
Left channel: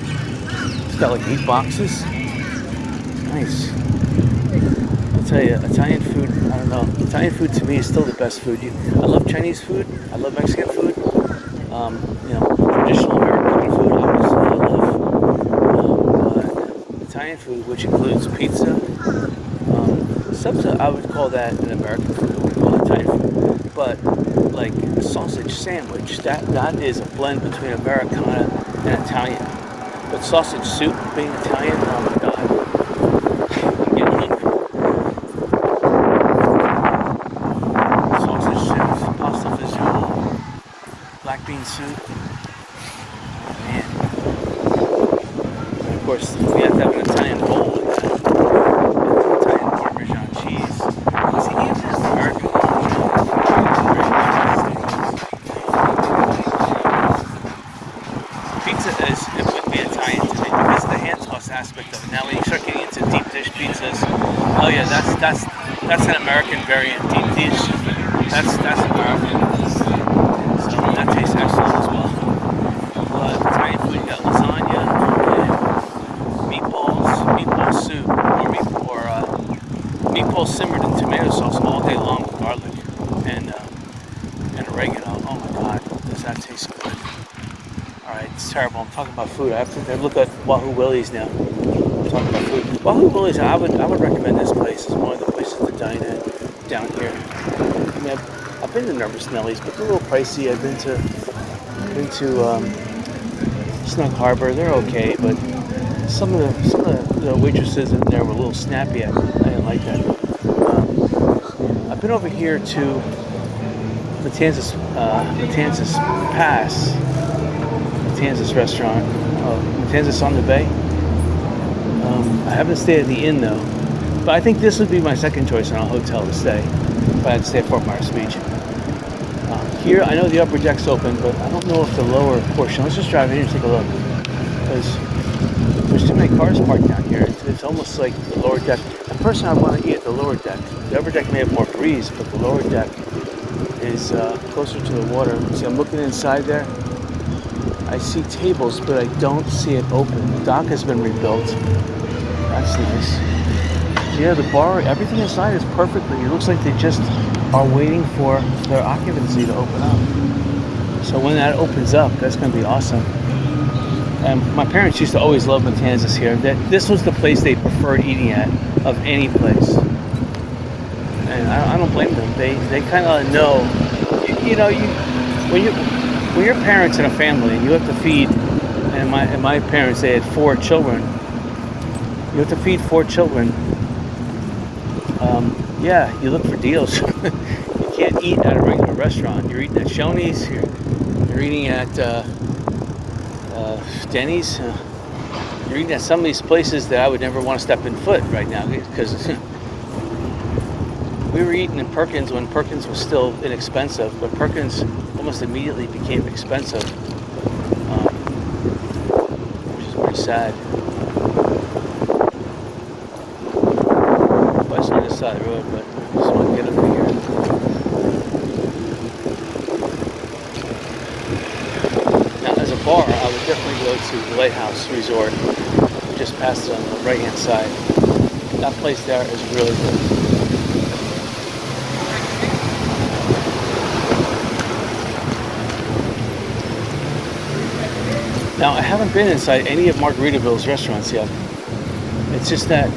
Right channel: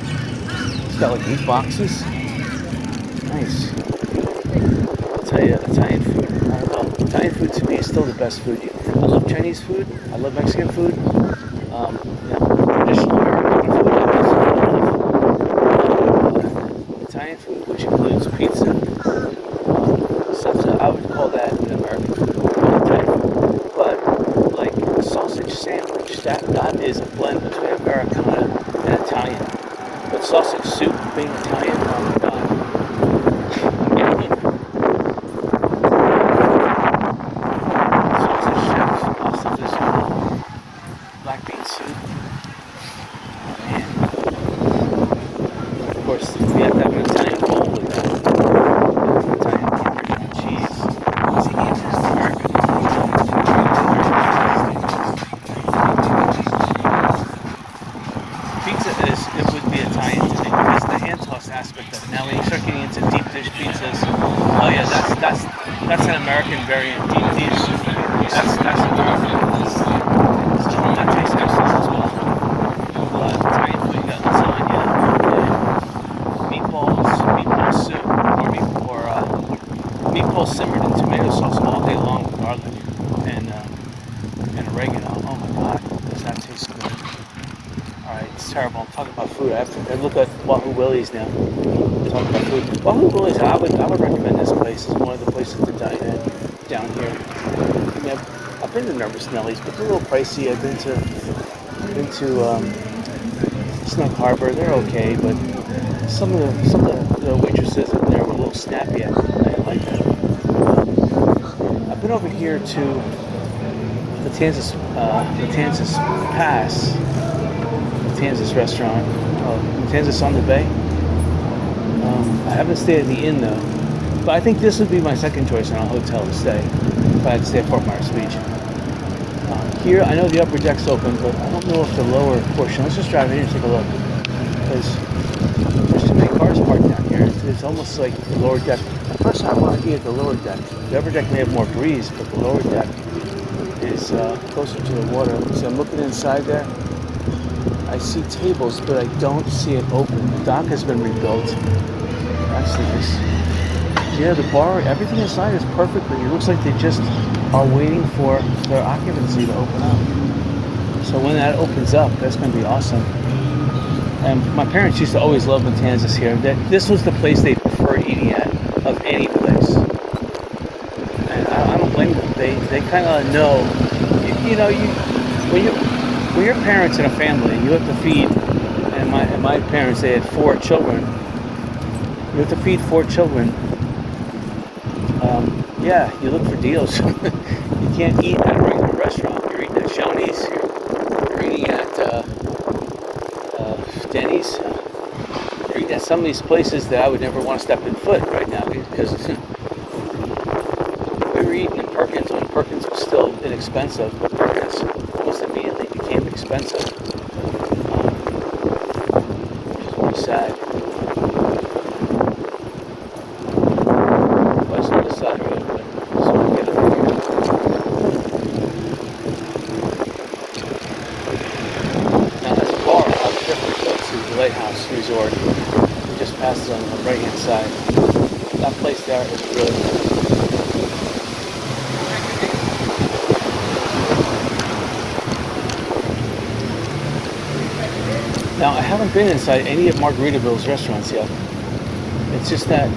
He's got like 8 boxes. Nice. I'll tell you, Italian food, I don't know. Italian food to me is still the best food. I love Chinese food. I love Mexican food. You know, traditional American food. I love Italian food, which includes pizza. I would call that an American food, Italian food. But like a sausage sandwich, that is a blend between Americana and Italian. But sausage soup being Italian, oh my god. Sausage chips, pasta fagioli, black bean soup. Oh man. Of course, we have to have an Italian bowl with that. Italian Parmesan cheese. See, American Parmesan. Pizza it would be Italian to me. It's the hand toss aspect of it. Now when you start getting into deep dish pizzas, oh yeah, that's an American variant. Deep dish, that's American. So that tastes excellent as well. But Italian food, you got lasagna. Meatball soup, or meatballs simmered in tomato sauce all day long with garlic and oregano. Oh my god, does that taste good? Alright, it's terrible. I'm talking about food. I have to look at Wahoo Willie's now. I'm talking about food. Wahoo Willie's, I would recommend this place. It's one of the places to dine at down here. I mean, I've been to Nervous Nelly's, but they're a little pricey. I've been to Snug Harbor. They're okay, but some of the waitresses in there were a little snappy. I didn't like that. I've been over here to Matanzas Pass, Matanzas restaurant, Matanzas on the Bay. I haven't stayed at the inn though, but I think this would be my second choice on a hotel to stay if I had to stay at Fort Myers Beach. Here, I know the upper deck's open, but I don't know if the lower portion. Let's just drive in here and take a look, because there's too many cars parked down here. It's almost like the lower deck. At first, I want to eat at the lower deck. The upper deck may have more breeze, but the lower deck is closer to the water. See, I'm looking inside there. I see tables, but I don't see it open. The dock has been rebuilt. That's nice. Yeah, the bar, everything inside is perfectly. It looks like they just are waiting for their occupancy to open up. So when that opens up, that's going to be awesome. And my parents used to always love Matanzas here. This was the place they preferred eating at of any place. and I don't blame them. They kind of know, you know, when you're parents in a family and you have to feed, and my parents, they had 4 children. You have to feed 4 children. Yeah, you look for deals. You can't eat at a regular restaurant. You're eating at Shoney's. You're eating at Denny's. You're eating at some of these places that I would never want to step in foot right now, because we were eating in Perkins when Perkins was still inexpensive, but Perkins almost immediately became expensive, which is pretty sad. Well, it's on this side of the road, but I just want to get it from here. Now, as a bar, I would definitely go to the Lighthouse Resort. We just passed it on the right-hand side. That place there is really good. Now, I haven't been inside any of Margaritaville's restaurants yet. It's just that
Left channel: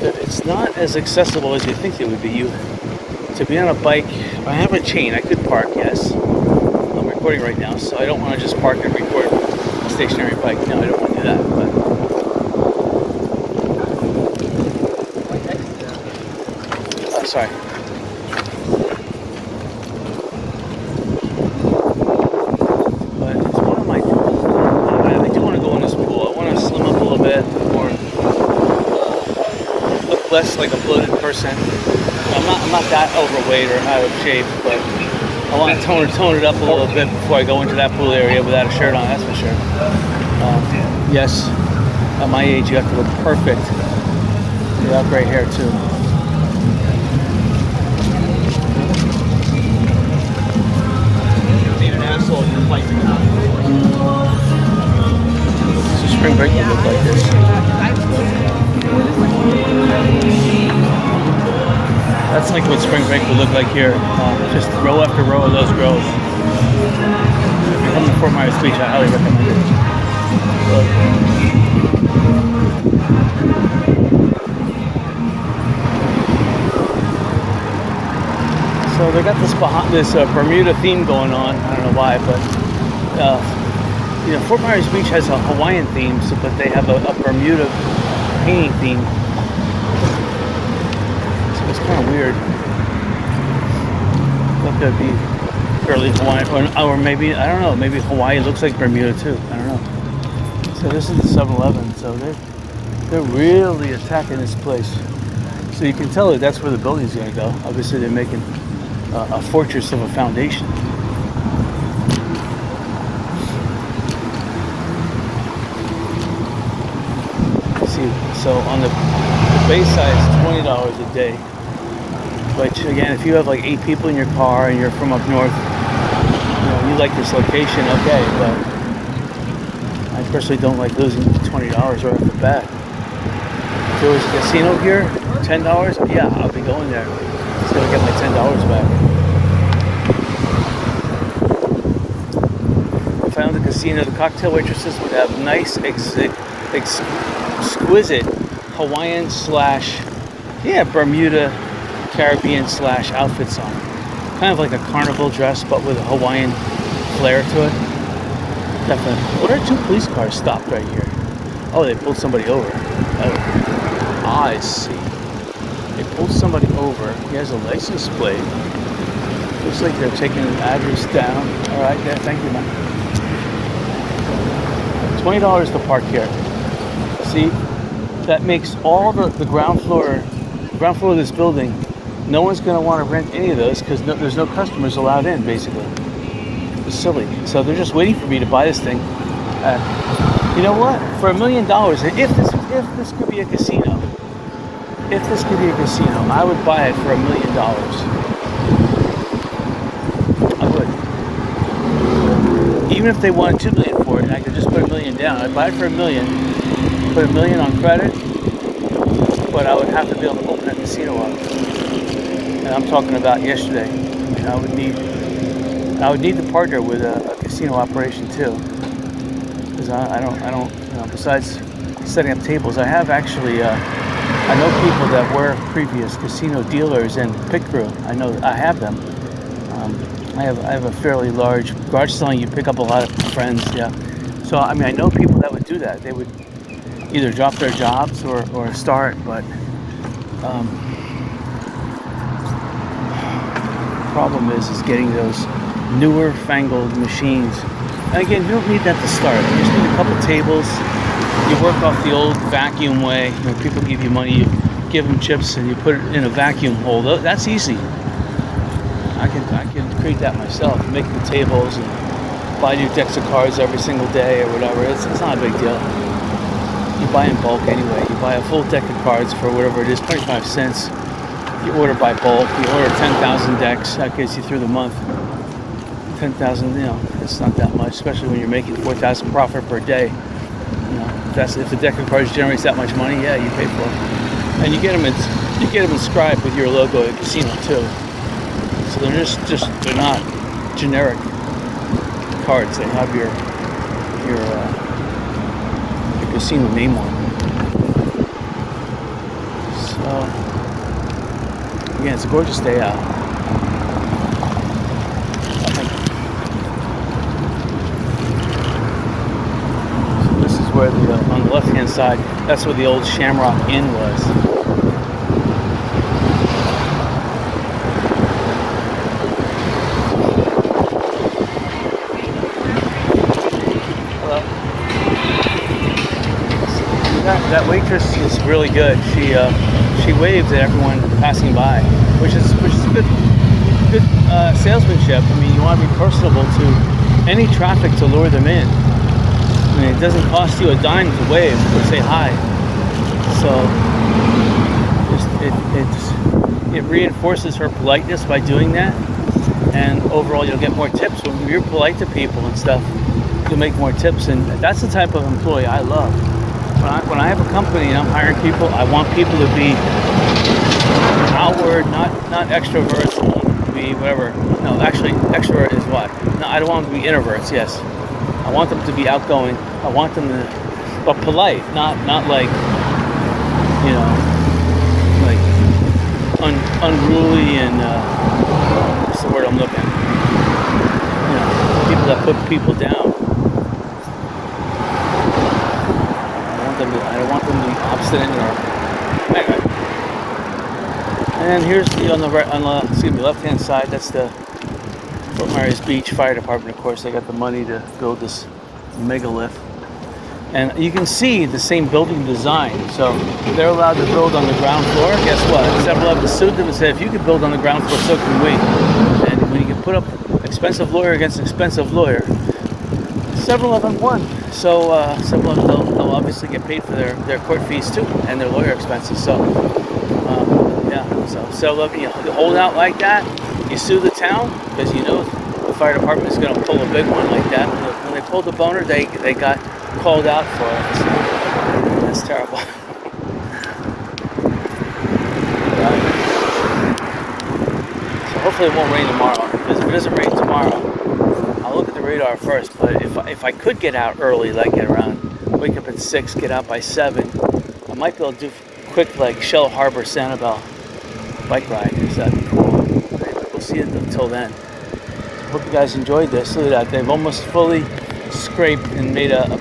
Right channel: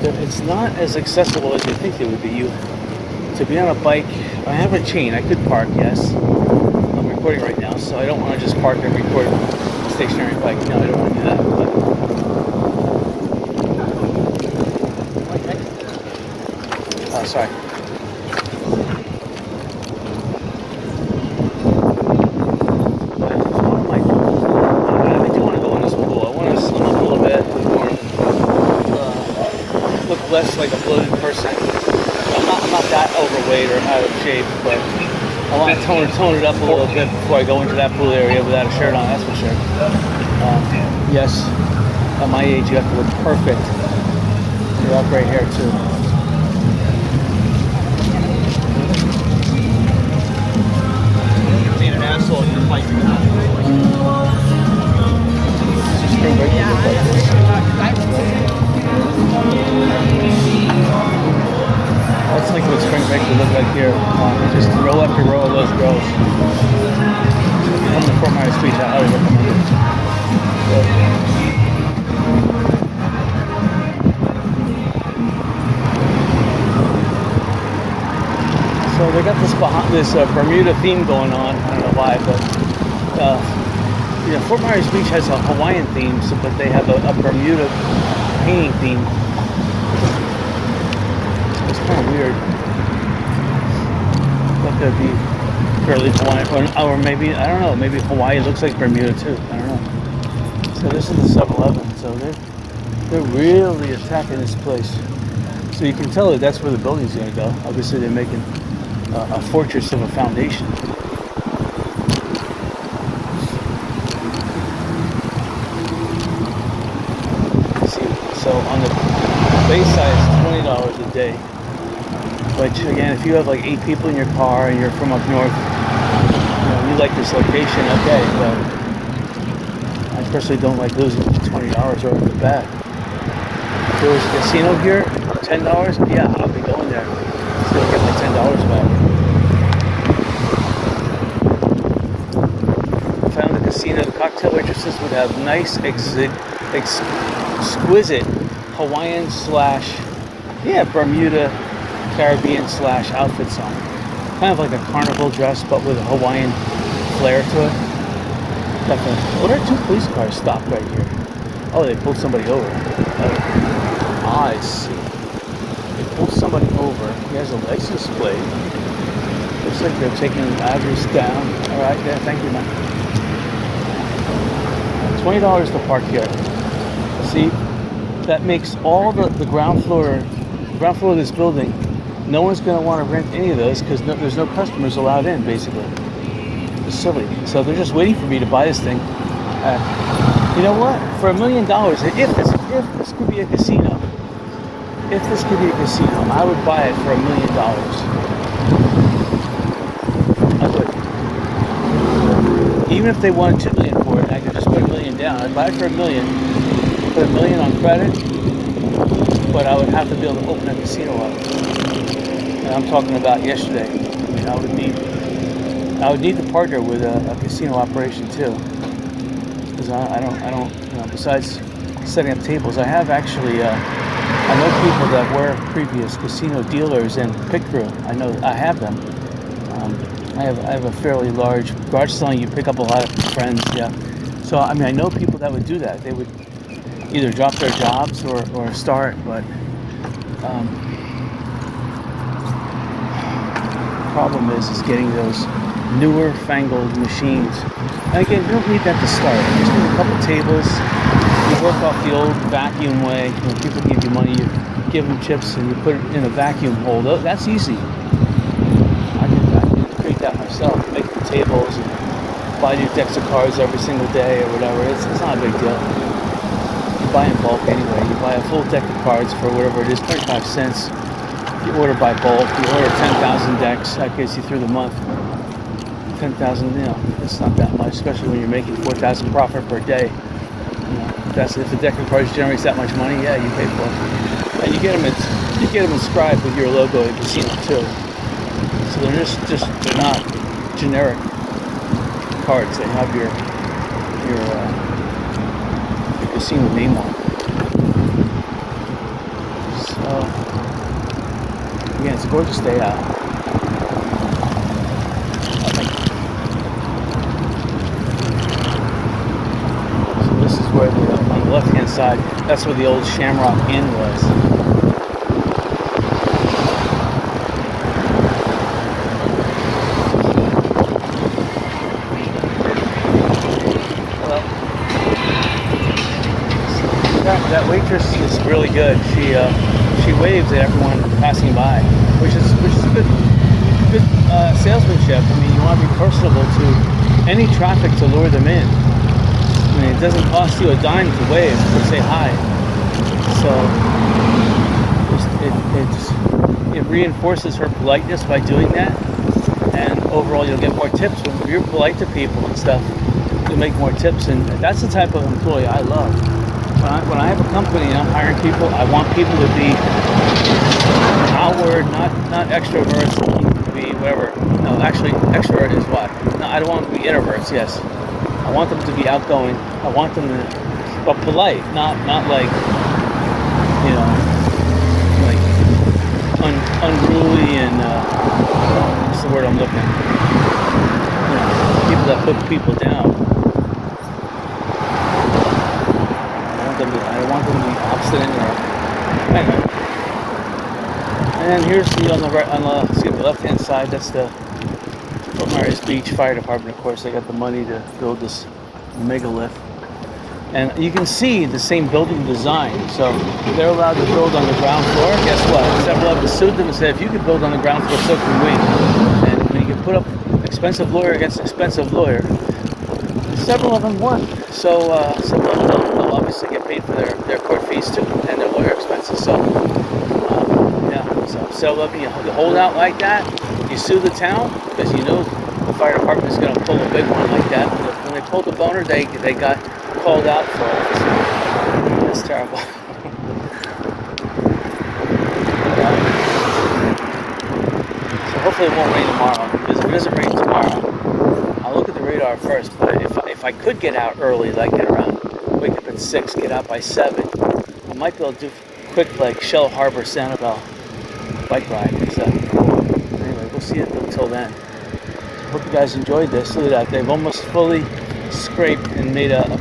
it's not as accessible as you think it would be. To be on a bike, I have a chain. I could park, yes. I'm recording right now, so I don't want to just park and record a stationary bike. No, I don't want to do that. But sorry. Less like a bloated person. I'm not that overweight or out of shape, but I want to tone it up a little bit before I go into that pool area without a shirt on, that's for sure. Yes, at my age you have to look perfect without gray hair too. So spring break will look like this. That's like what spring break would look like here. Just row after row of those grows. So if you come to Fort Myers Beach, I highly recommend it. So they got this Bermuda theme going on. I don't know why, but you know, Fort Myers Beach has a Hawaiian theme, but they have a Bermuda painting theme. It's kind of weird. Look, that'd be fairly Hawaiian, or maybe, I don't know, maybe Hawaii looks like Bermuda too. I don't know. So this is the 7-Eleven. So they're really attacking this place. So you can tell that that's where the building's gonna go. Obviously, they're making a fortress of a foundation. So on the base side is $20 a day, which again, if you have like 8 people in your car and you're from up north, you know, you like this location, okay, but I personally don't like losing $20 right off the bat. If there was a casino here, $10, yeah, I'll be going there. Still get my $10 back. If I owned a casino, the cocktail waitresses would have nice, exquisite Hawaiian / Bermuda Caribbean / outfits on. Kind of like a carnival dress, but with a Hawaiian flair to it. Definitely. What are 2 police cars stopped right here? Oh, they pulled somebody over. Oh, I see. They pulled somebody over. He has a license plate. Looks like they're taking the address down. All right, there. Thank you, man. $20 to park here. See, that makes all the ground floor of this building. No one's going to want to rent any of those because there's no customers allowed in, basically. It's silly. So they're just waiting for me to buy this thing. You know what? For $1 million, if this could be a casino, I would buy it for $1 million. I would. Even if they wanted $2 million for it, and I could just put $1 million down. I'd buy it for $1 million. Put $1 million on credit, but I would have to be able to open a casino up. And I'm talking about yesterday. I mean, I would need to partner with a casino operation too, because I don't, you know, besides setting up tables, I have actually I know people that were previous casino dealers and pit crew. I know I have them. I have a fairly large garage selling. You pick up a lot of friends, yeah. So I mean, I know people that would do that. They would either drop their jobs or start, but the problem is getting those newer fangled machines. And again, you don't need that to start. You just need a couple tables. You work off the old vacuum way. You know, people give you money, you give them chips, and you put it in a vacuum hole. That's easy. I could create that myself. Make the tables and buy new decks of cards every single day or whatever. It's not a big deal. You buy in bulk anyway. You buy a full deck of cards for whatever it is, 25 cents. You order by bulk. You order 10,000 decks. That gets you through the month. 10,000, you know, it's not that much, especially when you're making 4,000 profit per day. You know, if the deck of cards generates that much money, yeah, you pay for it. And you get them inscribed with your logo at casino too. So they're not generic cards. They have your casino name on it. So again, it's a gorgeous day out. So this is where on the left hand side, that's where the old Shamrock Inn was. That waitress is really good. She waves at everyone passing by, which is good salesmanship. I mean, you want to be personable to any traffic to lure them in. I mean, it doesn't cost you a dime to wave or say hi. So it reinforces her politeness by doing that, and overall you'll get more tips when you're polite to people and stuff. You'll make more tips, and that's the type of employee I love. When I have a company and I'm hiring people, I want people to be outward, not extroverts. I want them to be whatever. No, actually, extrovert is what? No, I don't want them to be introverts. Yes, I want them to be outgoing. I want them to, but polite, not like, you know, like unruly and what's the word I'm looking? You know, people that put people down. I don't want them to be obstinate or anyway. And here's on the left hand side. That's the Fort Myers Beach Fire Department. Of course, they got the money to build this megalith, and you can see the same building design. So they're allowed to build on the ground floor. Guess what? 7-Eleven sued them and said, if you can build on the ground floor, so can we. And when you can put up expensive lawyer against expensive lawyer, 7-Eleven won. So 7-Eleven, they'll obviously get paid for their court fees too and their lawyer expenses. So yeah, so 7-Eleven, you hold out like that, you sue the town because you know the fire department is going to pull a big one like that. When they pulled the boner, they got called out for it. So that's terrible. So hopefully it won't rain tomorrow, because if it doesn't rain tomorrow, I'll look at the radar first. But if I could get out early, like at around, wake up at 6, get out by 7, I might be able to do quick like Shell Harbor Sanibel bike ride. So anyway, we'll see it until then. Hope you guys enjoyed this. Look at that, they've almost fully scraped and made a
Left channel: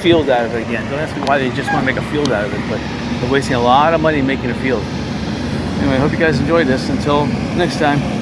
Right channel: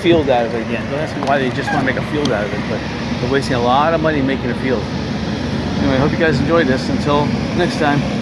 field out of it again. Don't ask me why they just want to make a field out of it, but they're wasting a lot of money making a field. Anyway, hope you guys enjoyed this. Until next time.